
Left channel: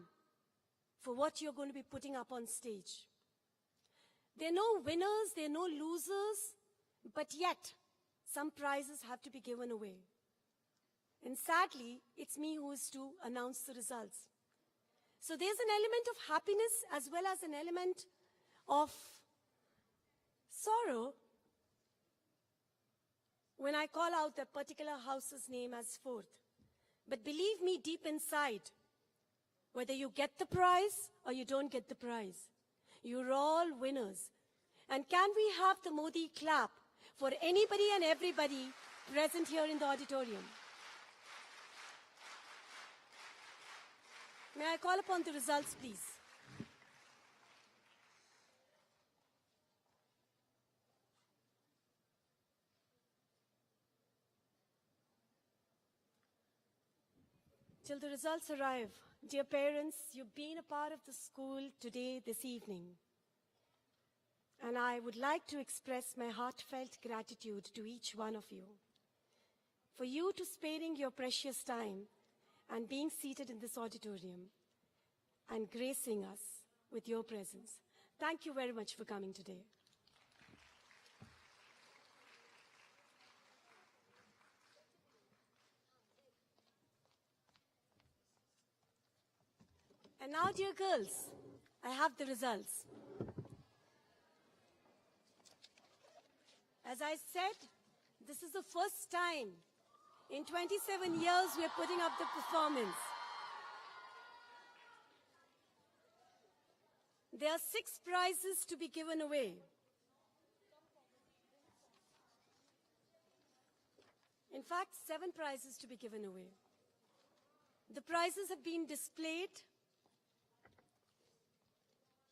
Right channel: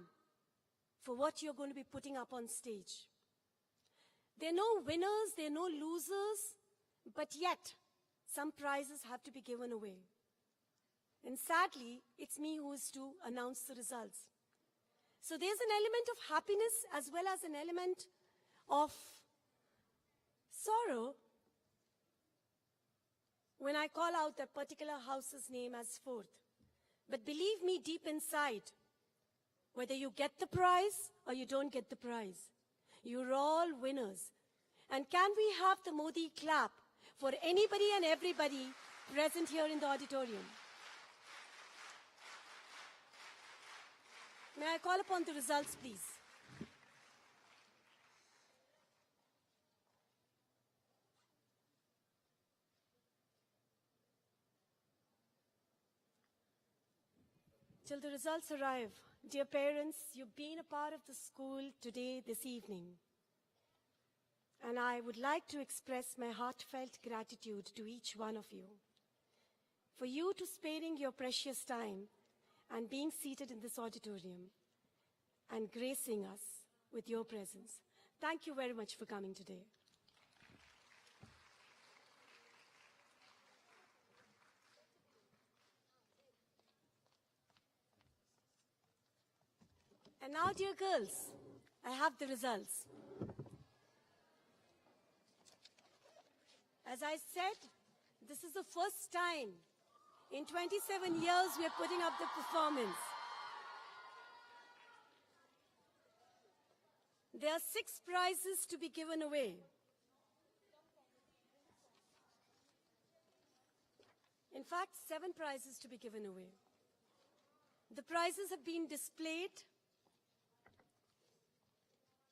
for what you're going to be putting up on stage. There are no winners, there are no losers, but yet some prizes have to be given away. And sadly, it's me who is to announce the results. So there's an element of happiness as well as an element of sorrow when I call out that particular house's name as fourth. But believe me, deep inside, whether you get the prize or you don't get the prize, you're all winners. And can we have the Mody clap for anybody and everybody present here in the auditorium? May I call upon the results, please? Till the results arrive, dear parents, you've been a part of the school today, this evening. And I would like to express my heartfelt gratitude to each one of you for you to sparing your precious time and being seated in this auditorium and gracing us with your presence. Thank you very much for coming today. And now, dear girls, I have the results. As I said, this is the first time in 27 years we're putting up the performance. There are 6 prizes to be given away. In fact, 7 prizes to be given away. The prizes have been displayed.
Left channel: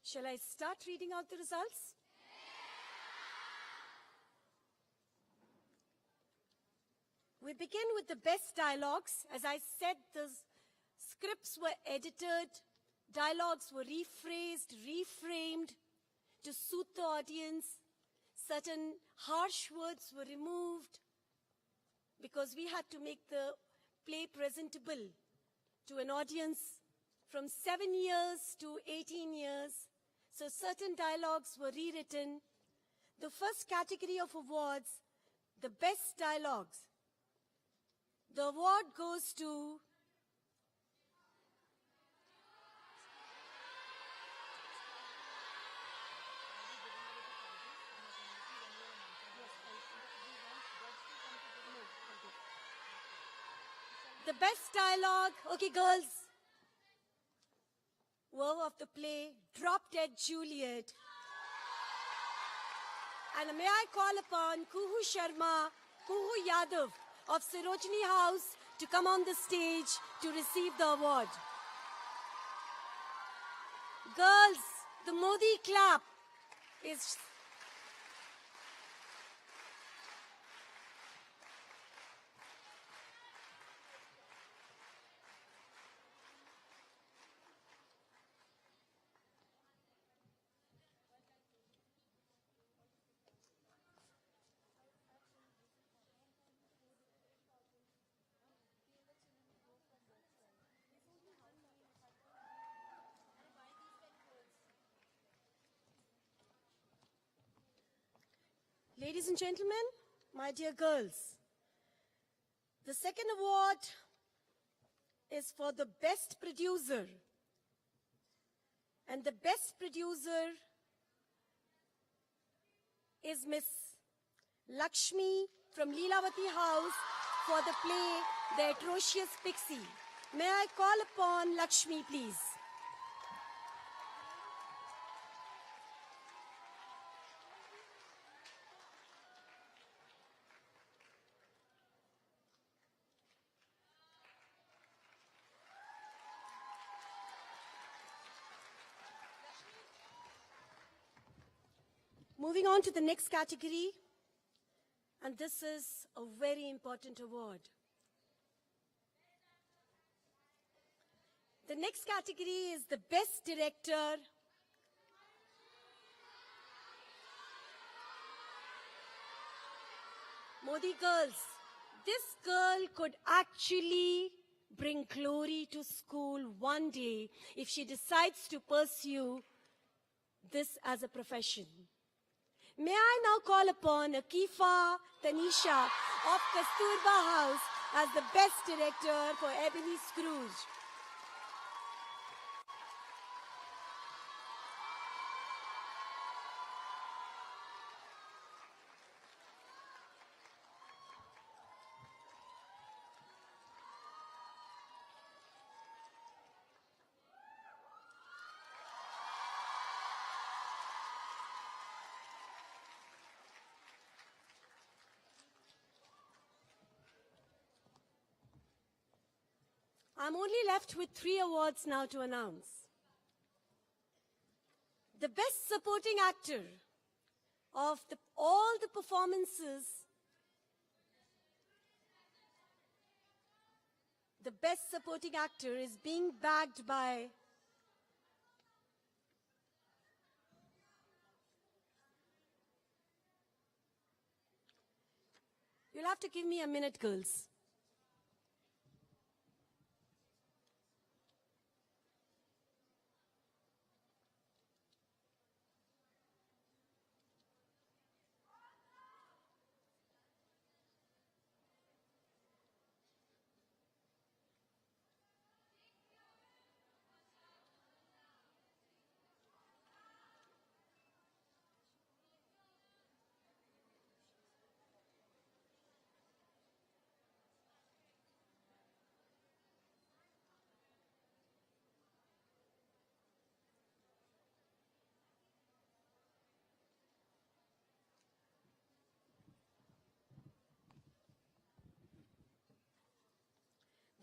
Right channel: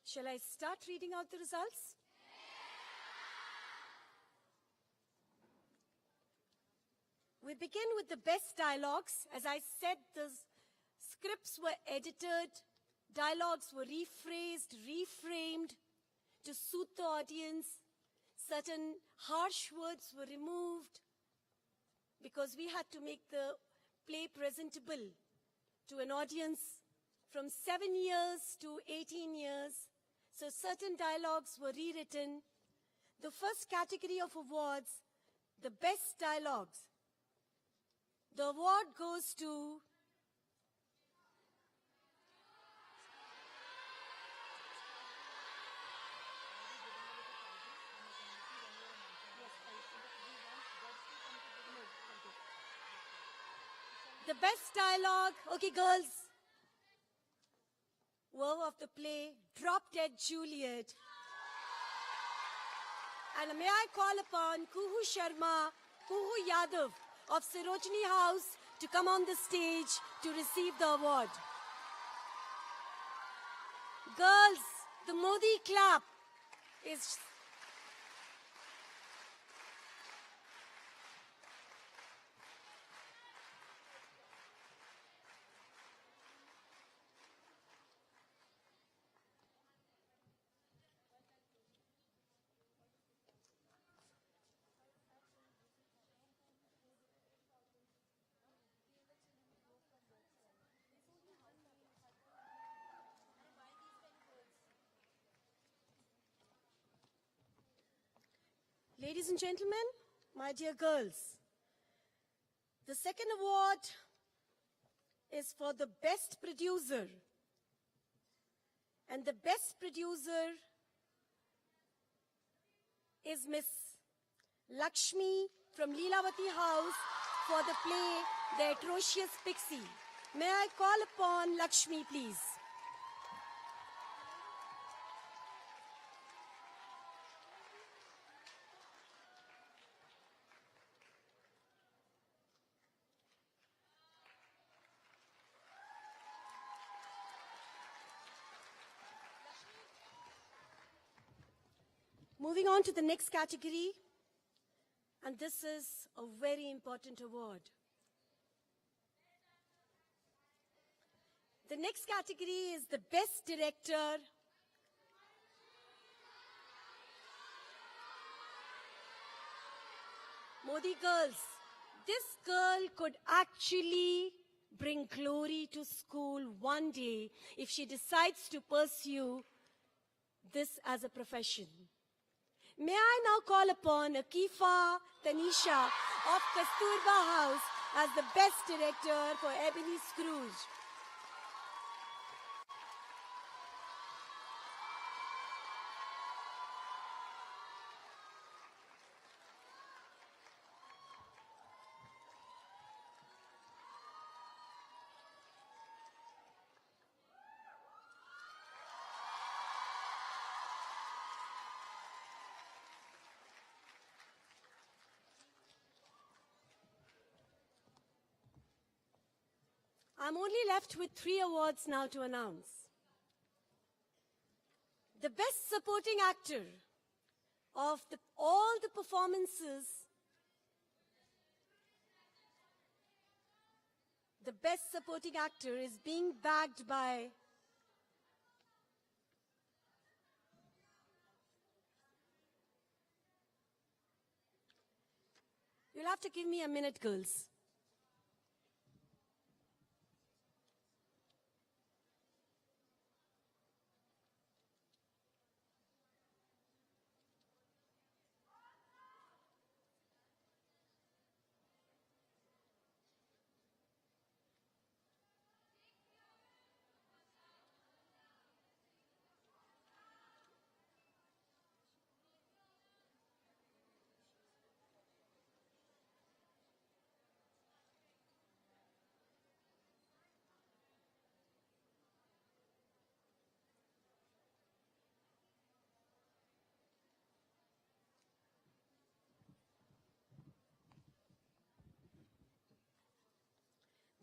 Shall I start reading out the results? We begin with the best dialogues. As I said, the scripts were edited, dialogues were rephrased, reframed to suit the audience. Certain harsh words were removed because we had to make the play presentable to an audience from 7 years to 18 years. so certain dialogues were rewritten. The first category of awards, the best dialogues. The award goes to the best dialogue. Okay, girls. Woe of the play, Drop Dead Juliet. And may I call upon Kuhu Sharma, Kuhu Yadav of Sarojini House to come on the stage to receive the award. Girls, the Mody clap is... Ladies and gentlemen, my dear girls, the second award is for the best producer. And the best producer is Miss Lakshmi from Leelawati House for the play The Atrocious Pixie. May I call upon Lakshmi, please? Moving on to the next category, and this is a very important award. The next category is the Best Director. Mody girls, this girl could actually bring glory to school one day if she decides to pursue this as a profession. May I now call upon Akifa Tanisha of Kasturba House as the Best Director for Ebony Scrooge. I'm only left with 3 awards now to announce. The Best Supporting Actor of all the performances. The Best Supporting Actor is being bagged by You'll have to give me a minute, girls.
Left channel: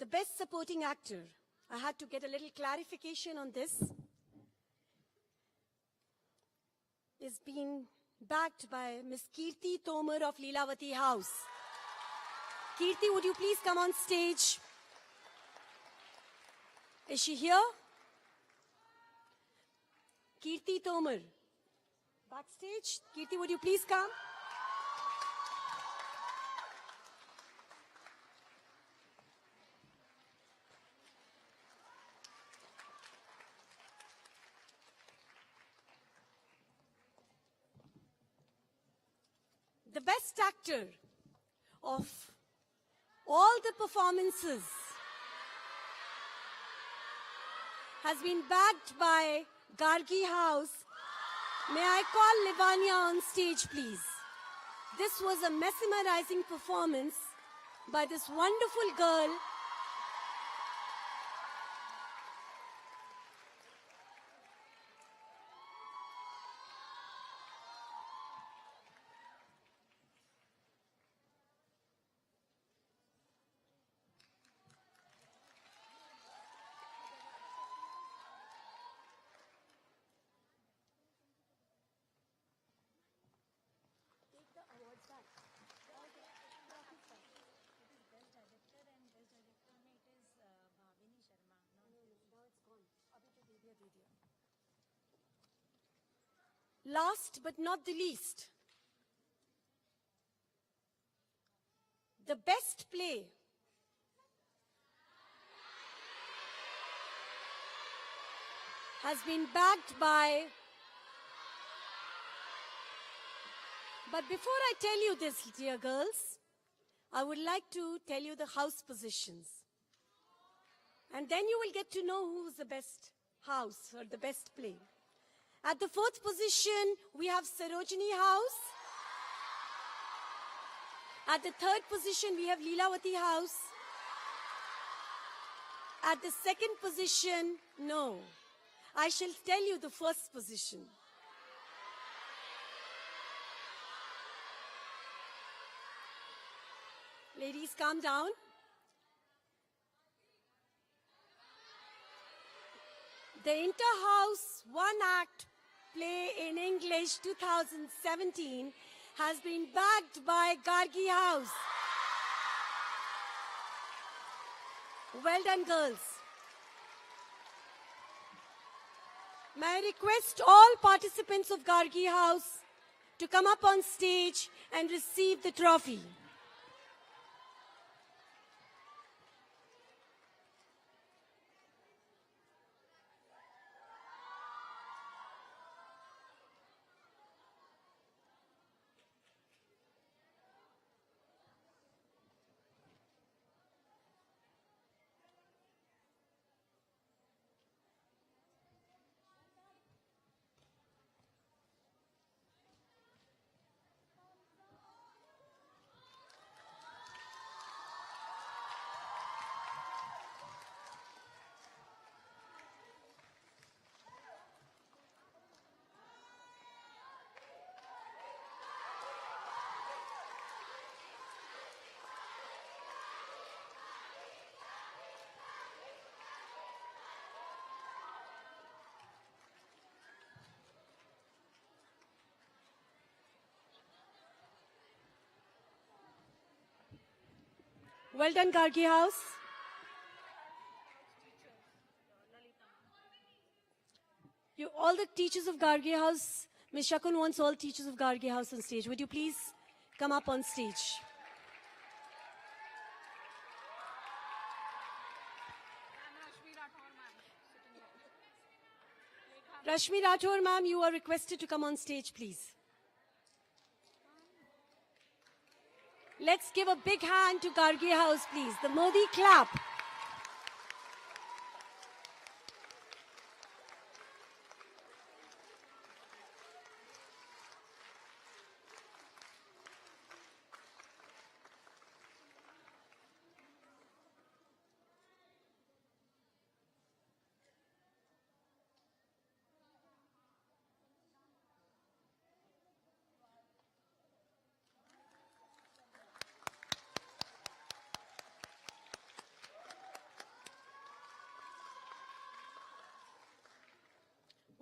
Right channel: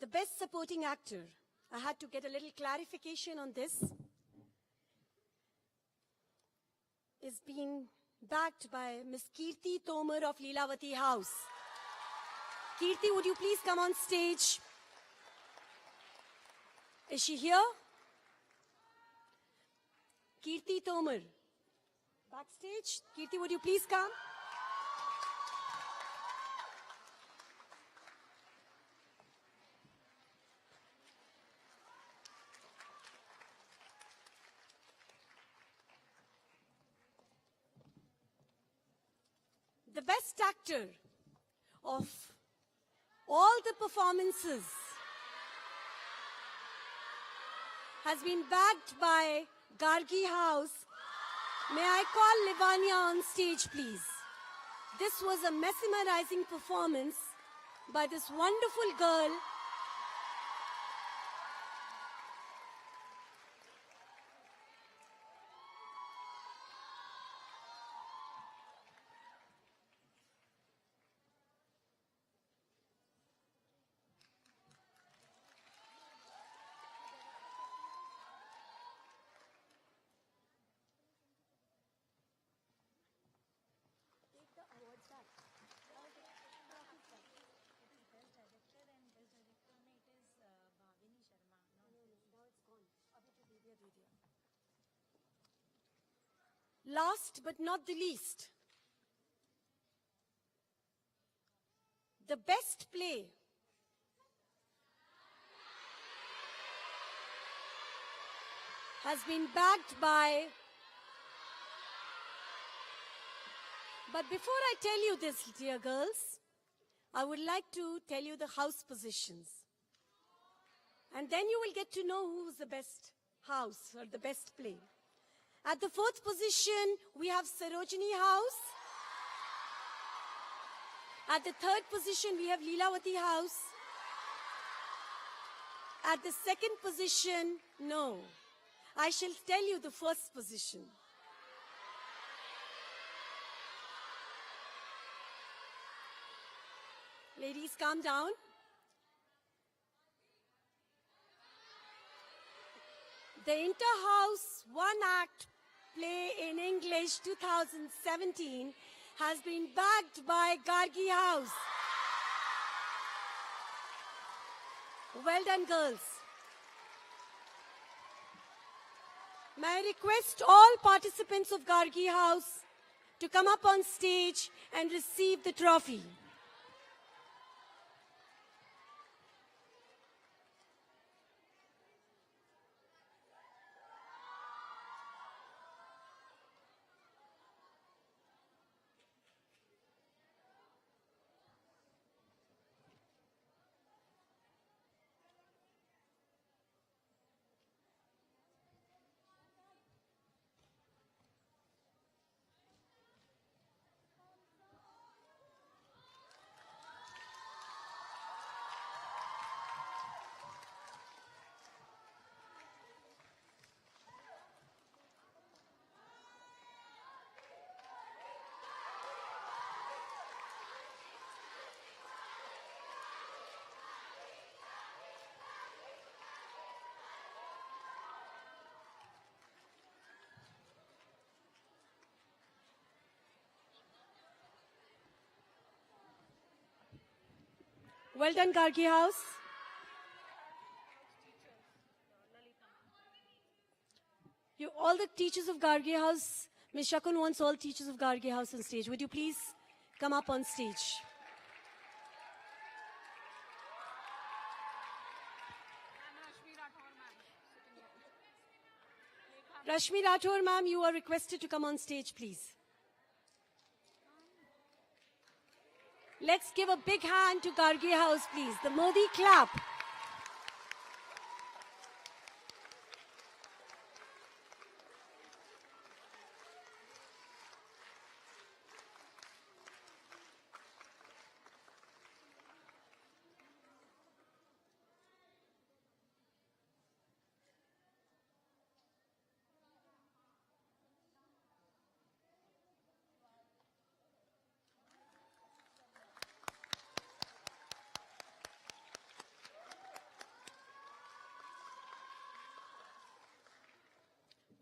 The Best Supporting Actor. I had to get a little clarification on this. Is being backed by Miss Kirti Tomar of Leelawati House. Kirti, would you please come on stage? Is she here? Kirti Tomar. Backstage. Kirti, would you please come? factor of all the performances has been backed by Gargi House. May I call Livania on stage, please? This was a mesmerizing performance by this wonderful girl. Last but not the least, the best play has been backed by... But before I tell you this, dear girls, I would like to tell you the house positions. And then you will get to know who's the best house or the best play. At the fourth position, we have Sarojini House. At the third position, we have Leelawati House. At the second position, no. I shall tell you the first position. Ladies, calm down. The Inter-House one-act play in English 2017 has been backed by Gargi House. Well done, girls. May I request all participants of Gargi House to come up on stage and receive the trophy. Well done, Gargi House. All the teachers of Gargi House, Ms. Shakun wants all teachers of Gargi House on stage. Would you please come up on stage? Rashmi Rathore, ma'am, you are requested to come on stage, please. Let's give a big hand to Gargi House, please. The Mody clap.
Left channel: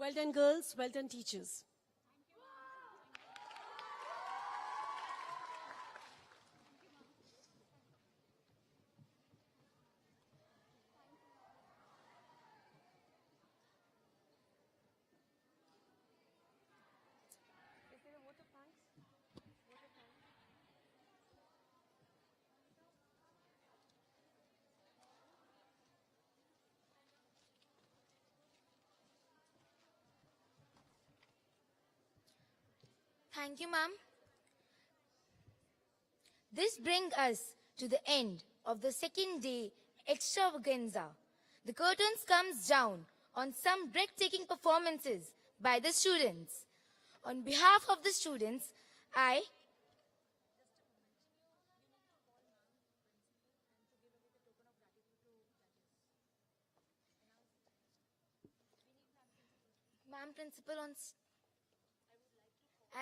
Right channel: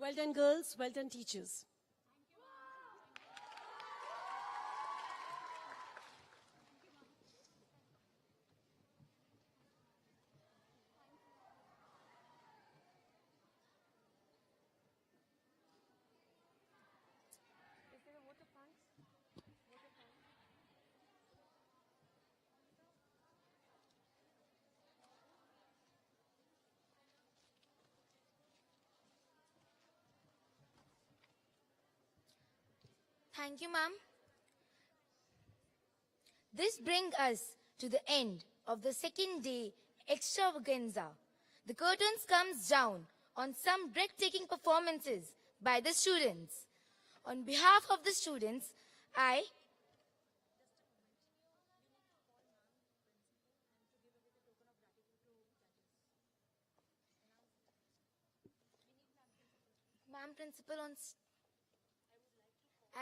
Well done, girls. Well done, teachers. Thank you, ma'am. This brings us to the end of the second day extravaganza. The curtains comes down on some breathtaking performances by the students. On behalf of the students, I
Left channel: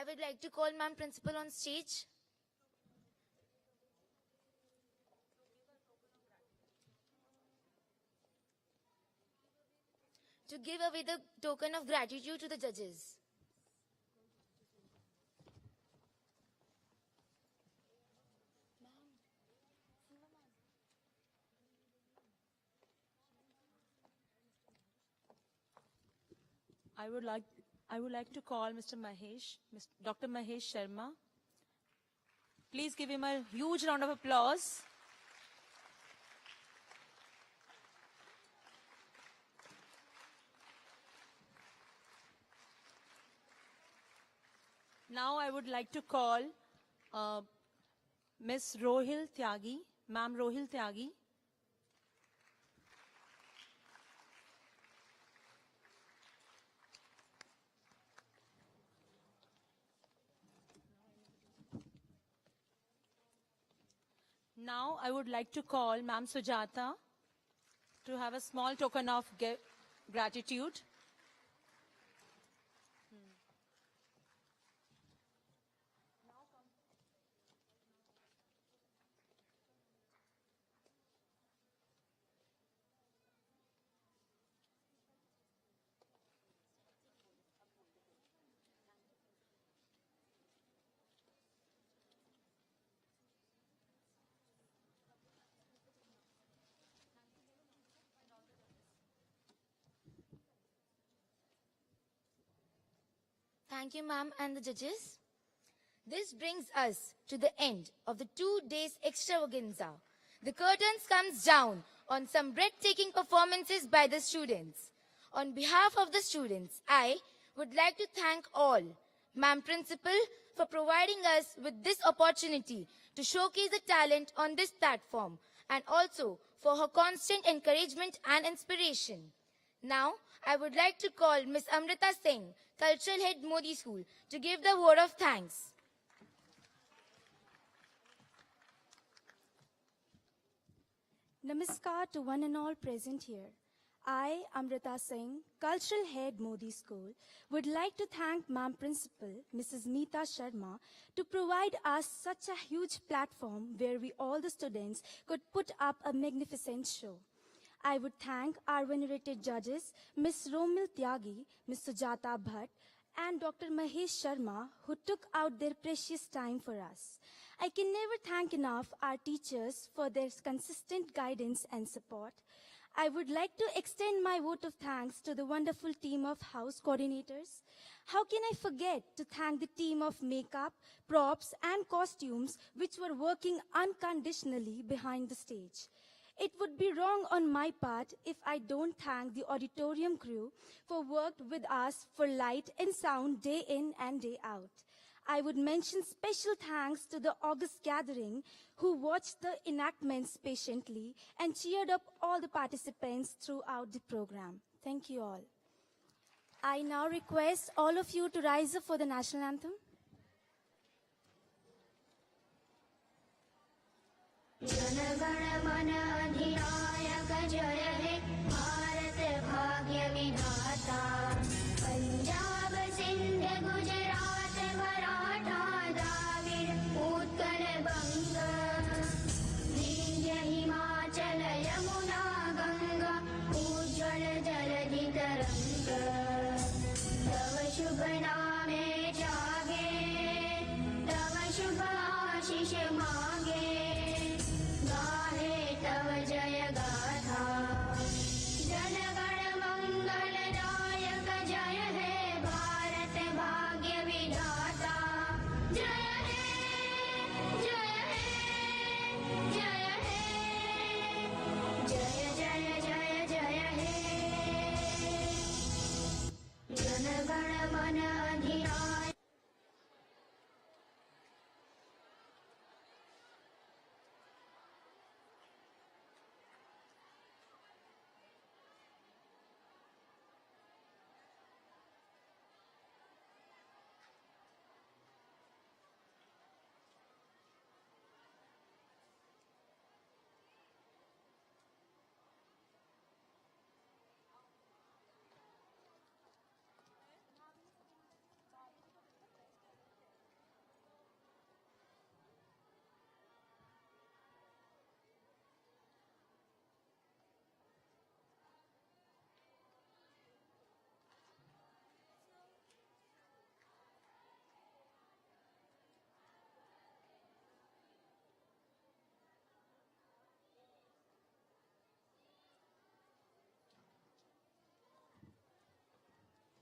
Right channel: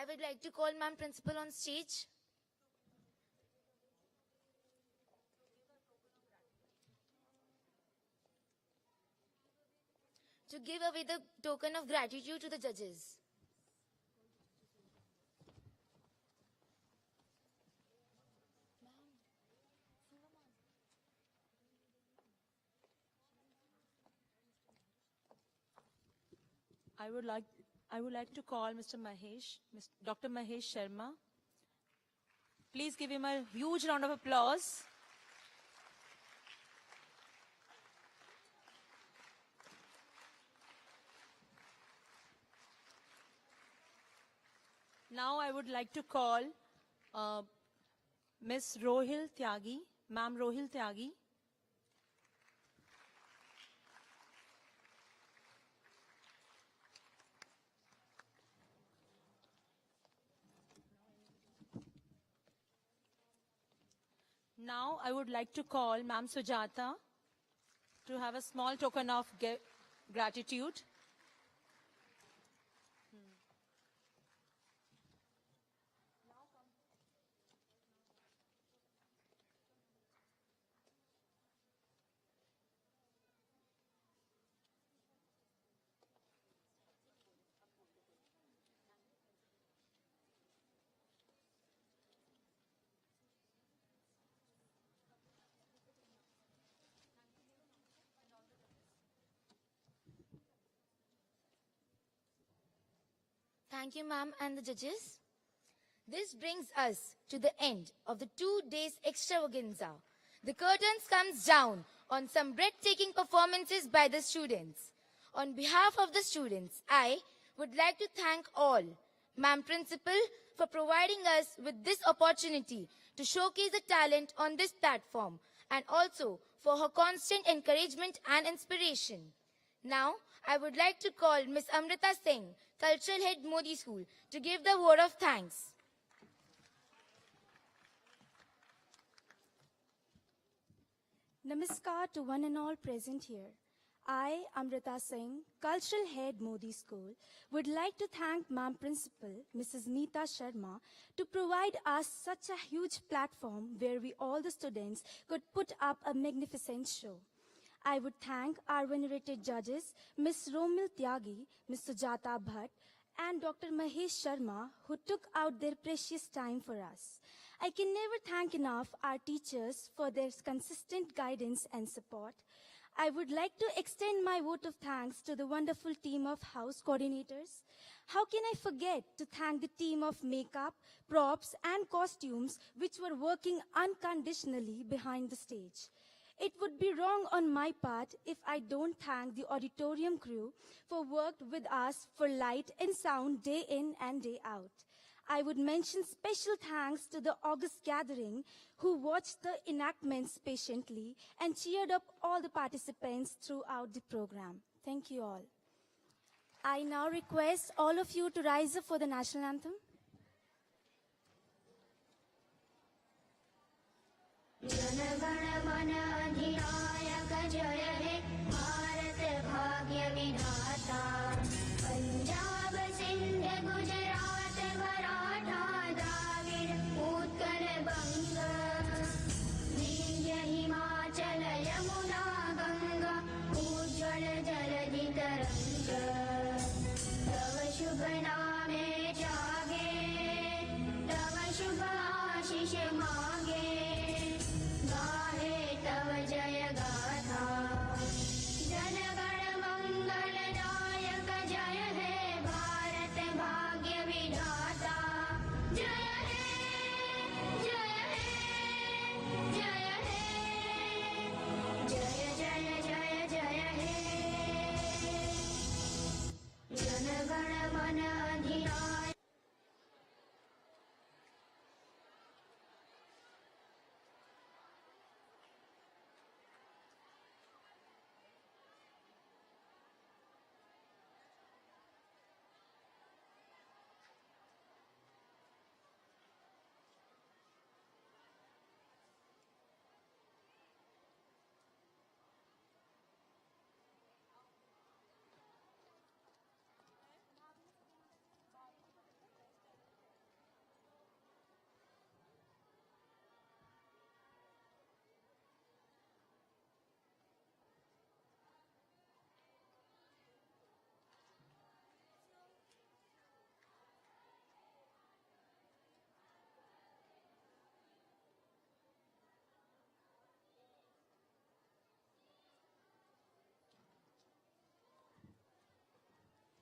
would like to call Ma'am Principal on stage. To give away the token of gratitude to the judges. I would like to call Mr. Mahesh, Dr. Mahesh Sharma. Please give him a huge round of applause. Now I would like to call Miss Rohil Tyagi, Ma'am Rohil Tyagi. Now I would like to call Ma'am Sujata to have a small token of gratitude. Thank you, ma'am, and the judges. This brings us to the end of the 2 days extravaganza. The curtains comes down on some breathtaking performances by the students. On behalf of the students, I would like to thank all, Ma'am Principal, for providing us with this opportunity to showcase the talent on this platform, and also for her constant encouragement and inspiration. Now, I would like to call Miss Amrita Singh, Cultural Head Mody School, to give the word of thanks. Namaskar to one and all present here. I, Amrita Singh, Cultural Head Mody School, would like to thank Ma'am Principal, Mrs. Meeta Sharma, to provide us such a huge platform where we all the students could put up a magnificent show. I would thank our venerated judges, Ms. Romil Tyagi, Ms. Sujata Bhatt, and Dr. Mahesh Sharma, who took out their precious time for us. I can never thank enough our teachers for their consistent guidance and support. I would like to extend my vote of thanks to the wonderful team of house coordinators. How can I forget to thank the team of makeup, props, and costumes which were working unconditionally behind the stage. It would be wrong on my part if I don't thank the auditorium crew for worked with us for light and sound day in and day out. I would mention special thanks to the August gathering who watched the enactments patiently and cheered up all the participants throughout the program. Thank you all. I now request all of you to rise up for the national anthem. जनगण मन अधिनायक जय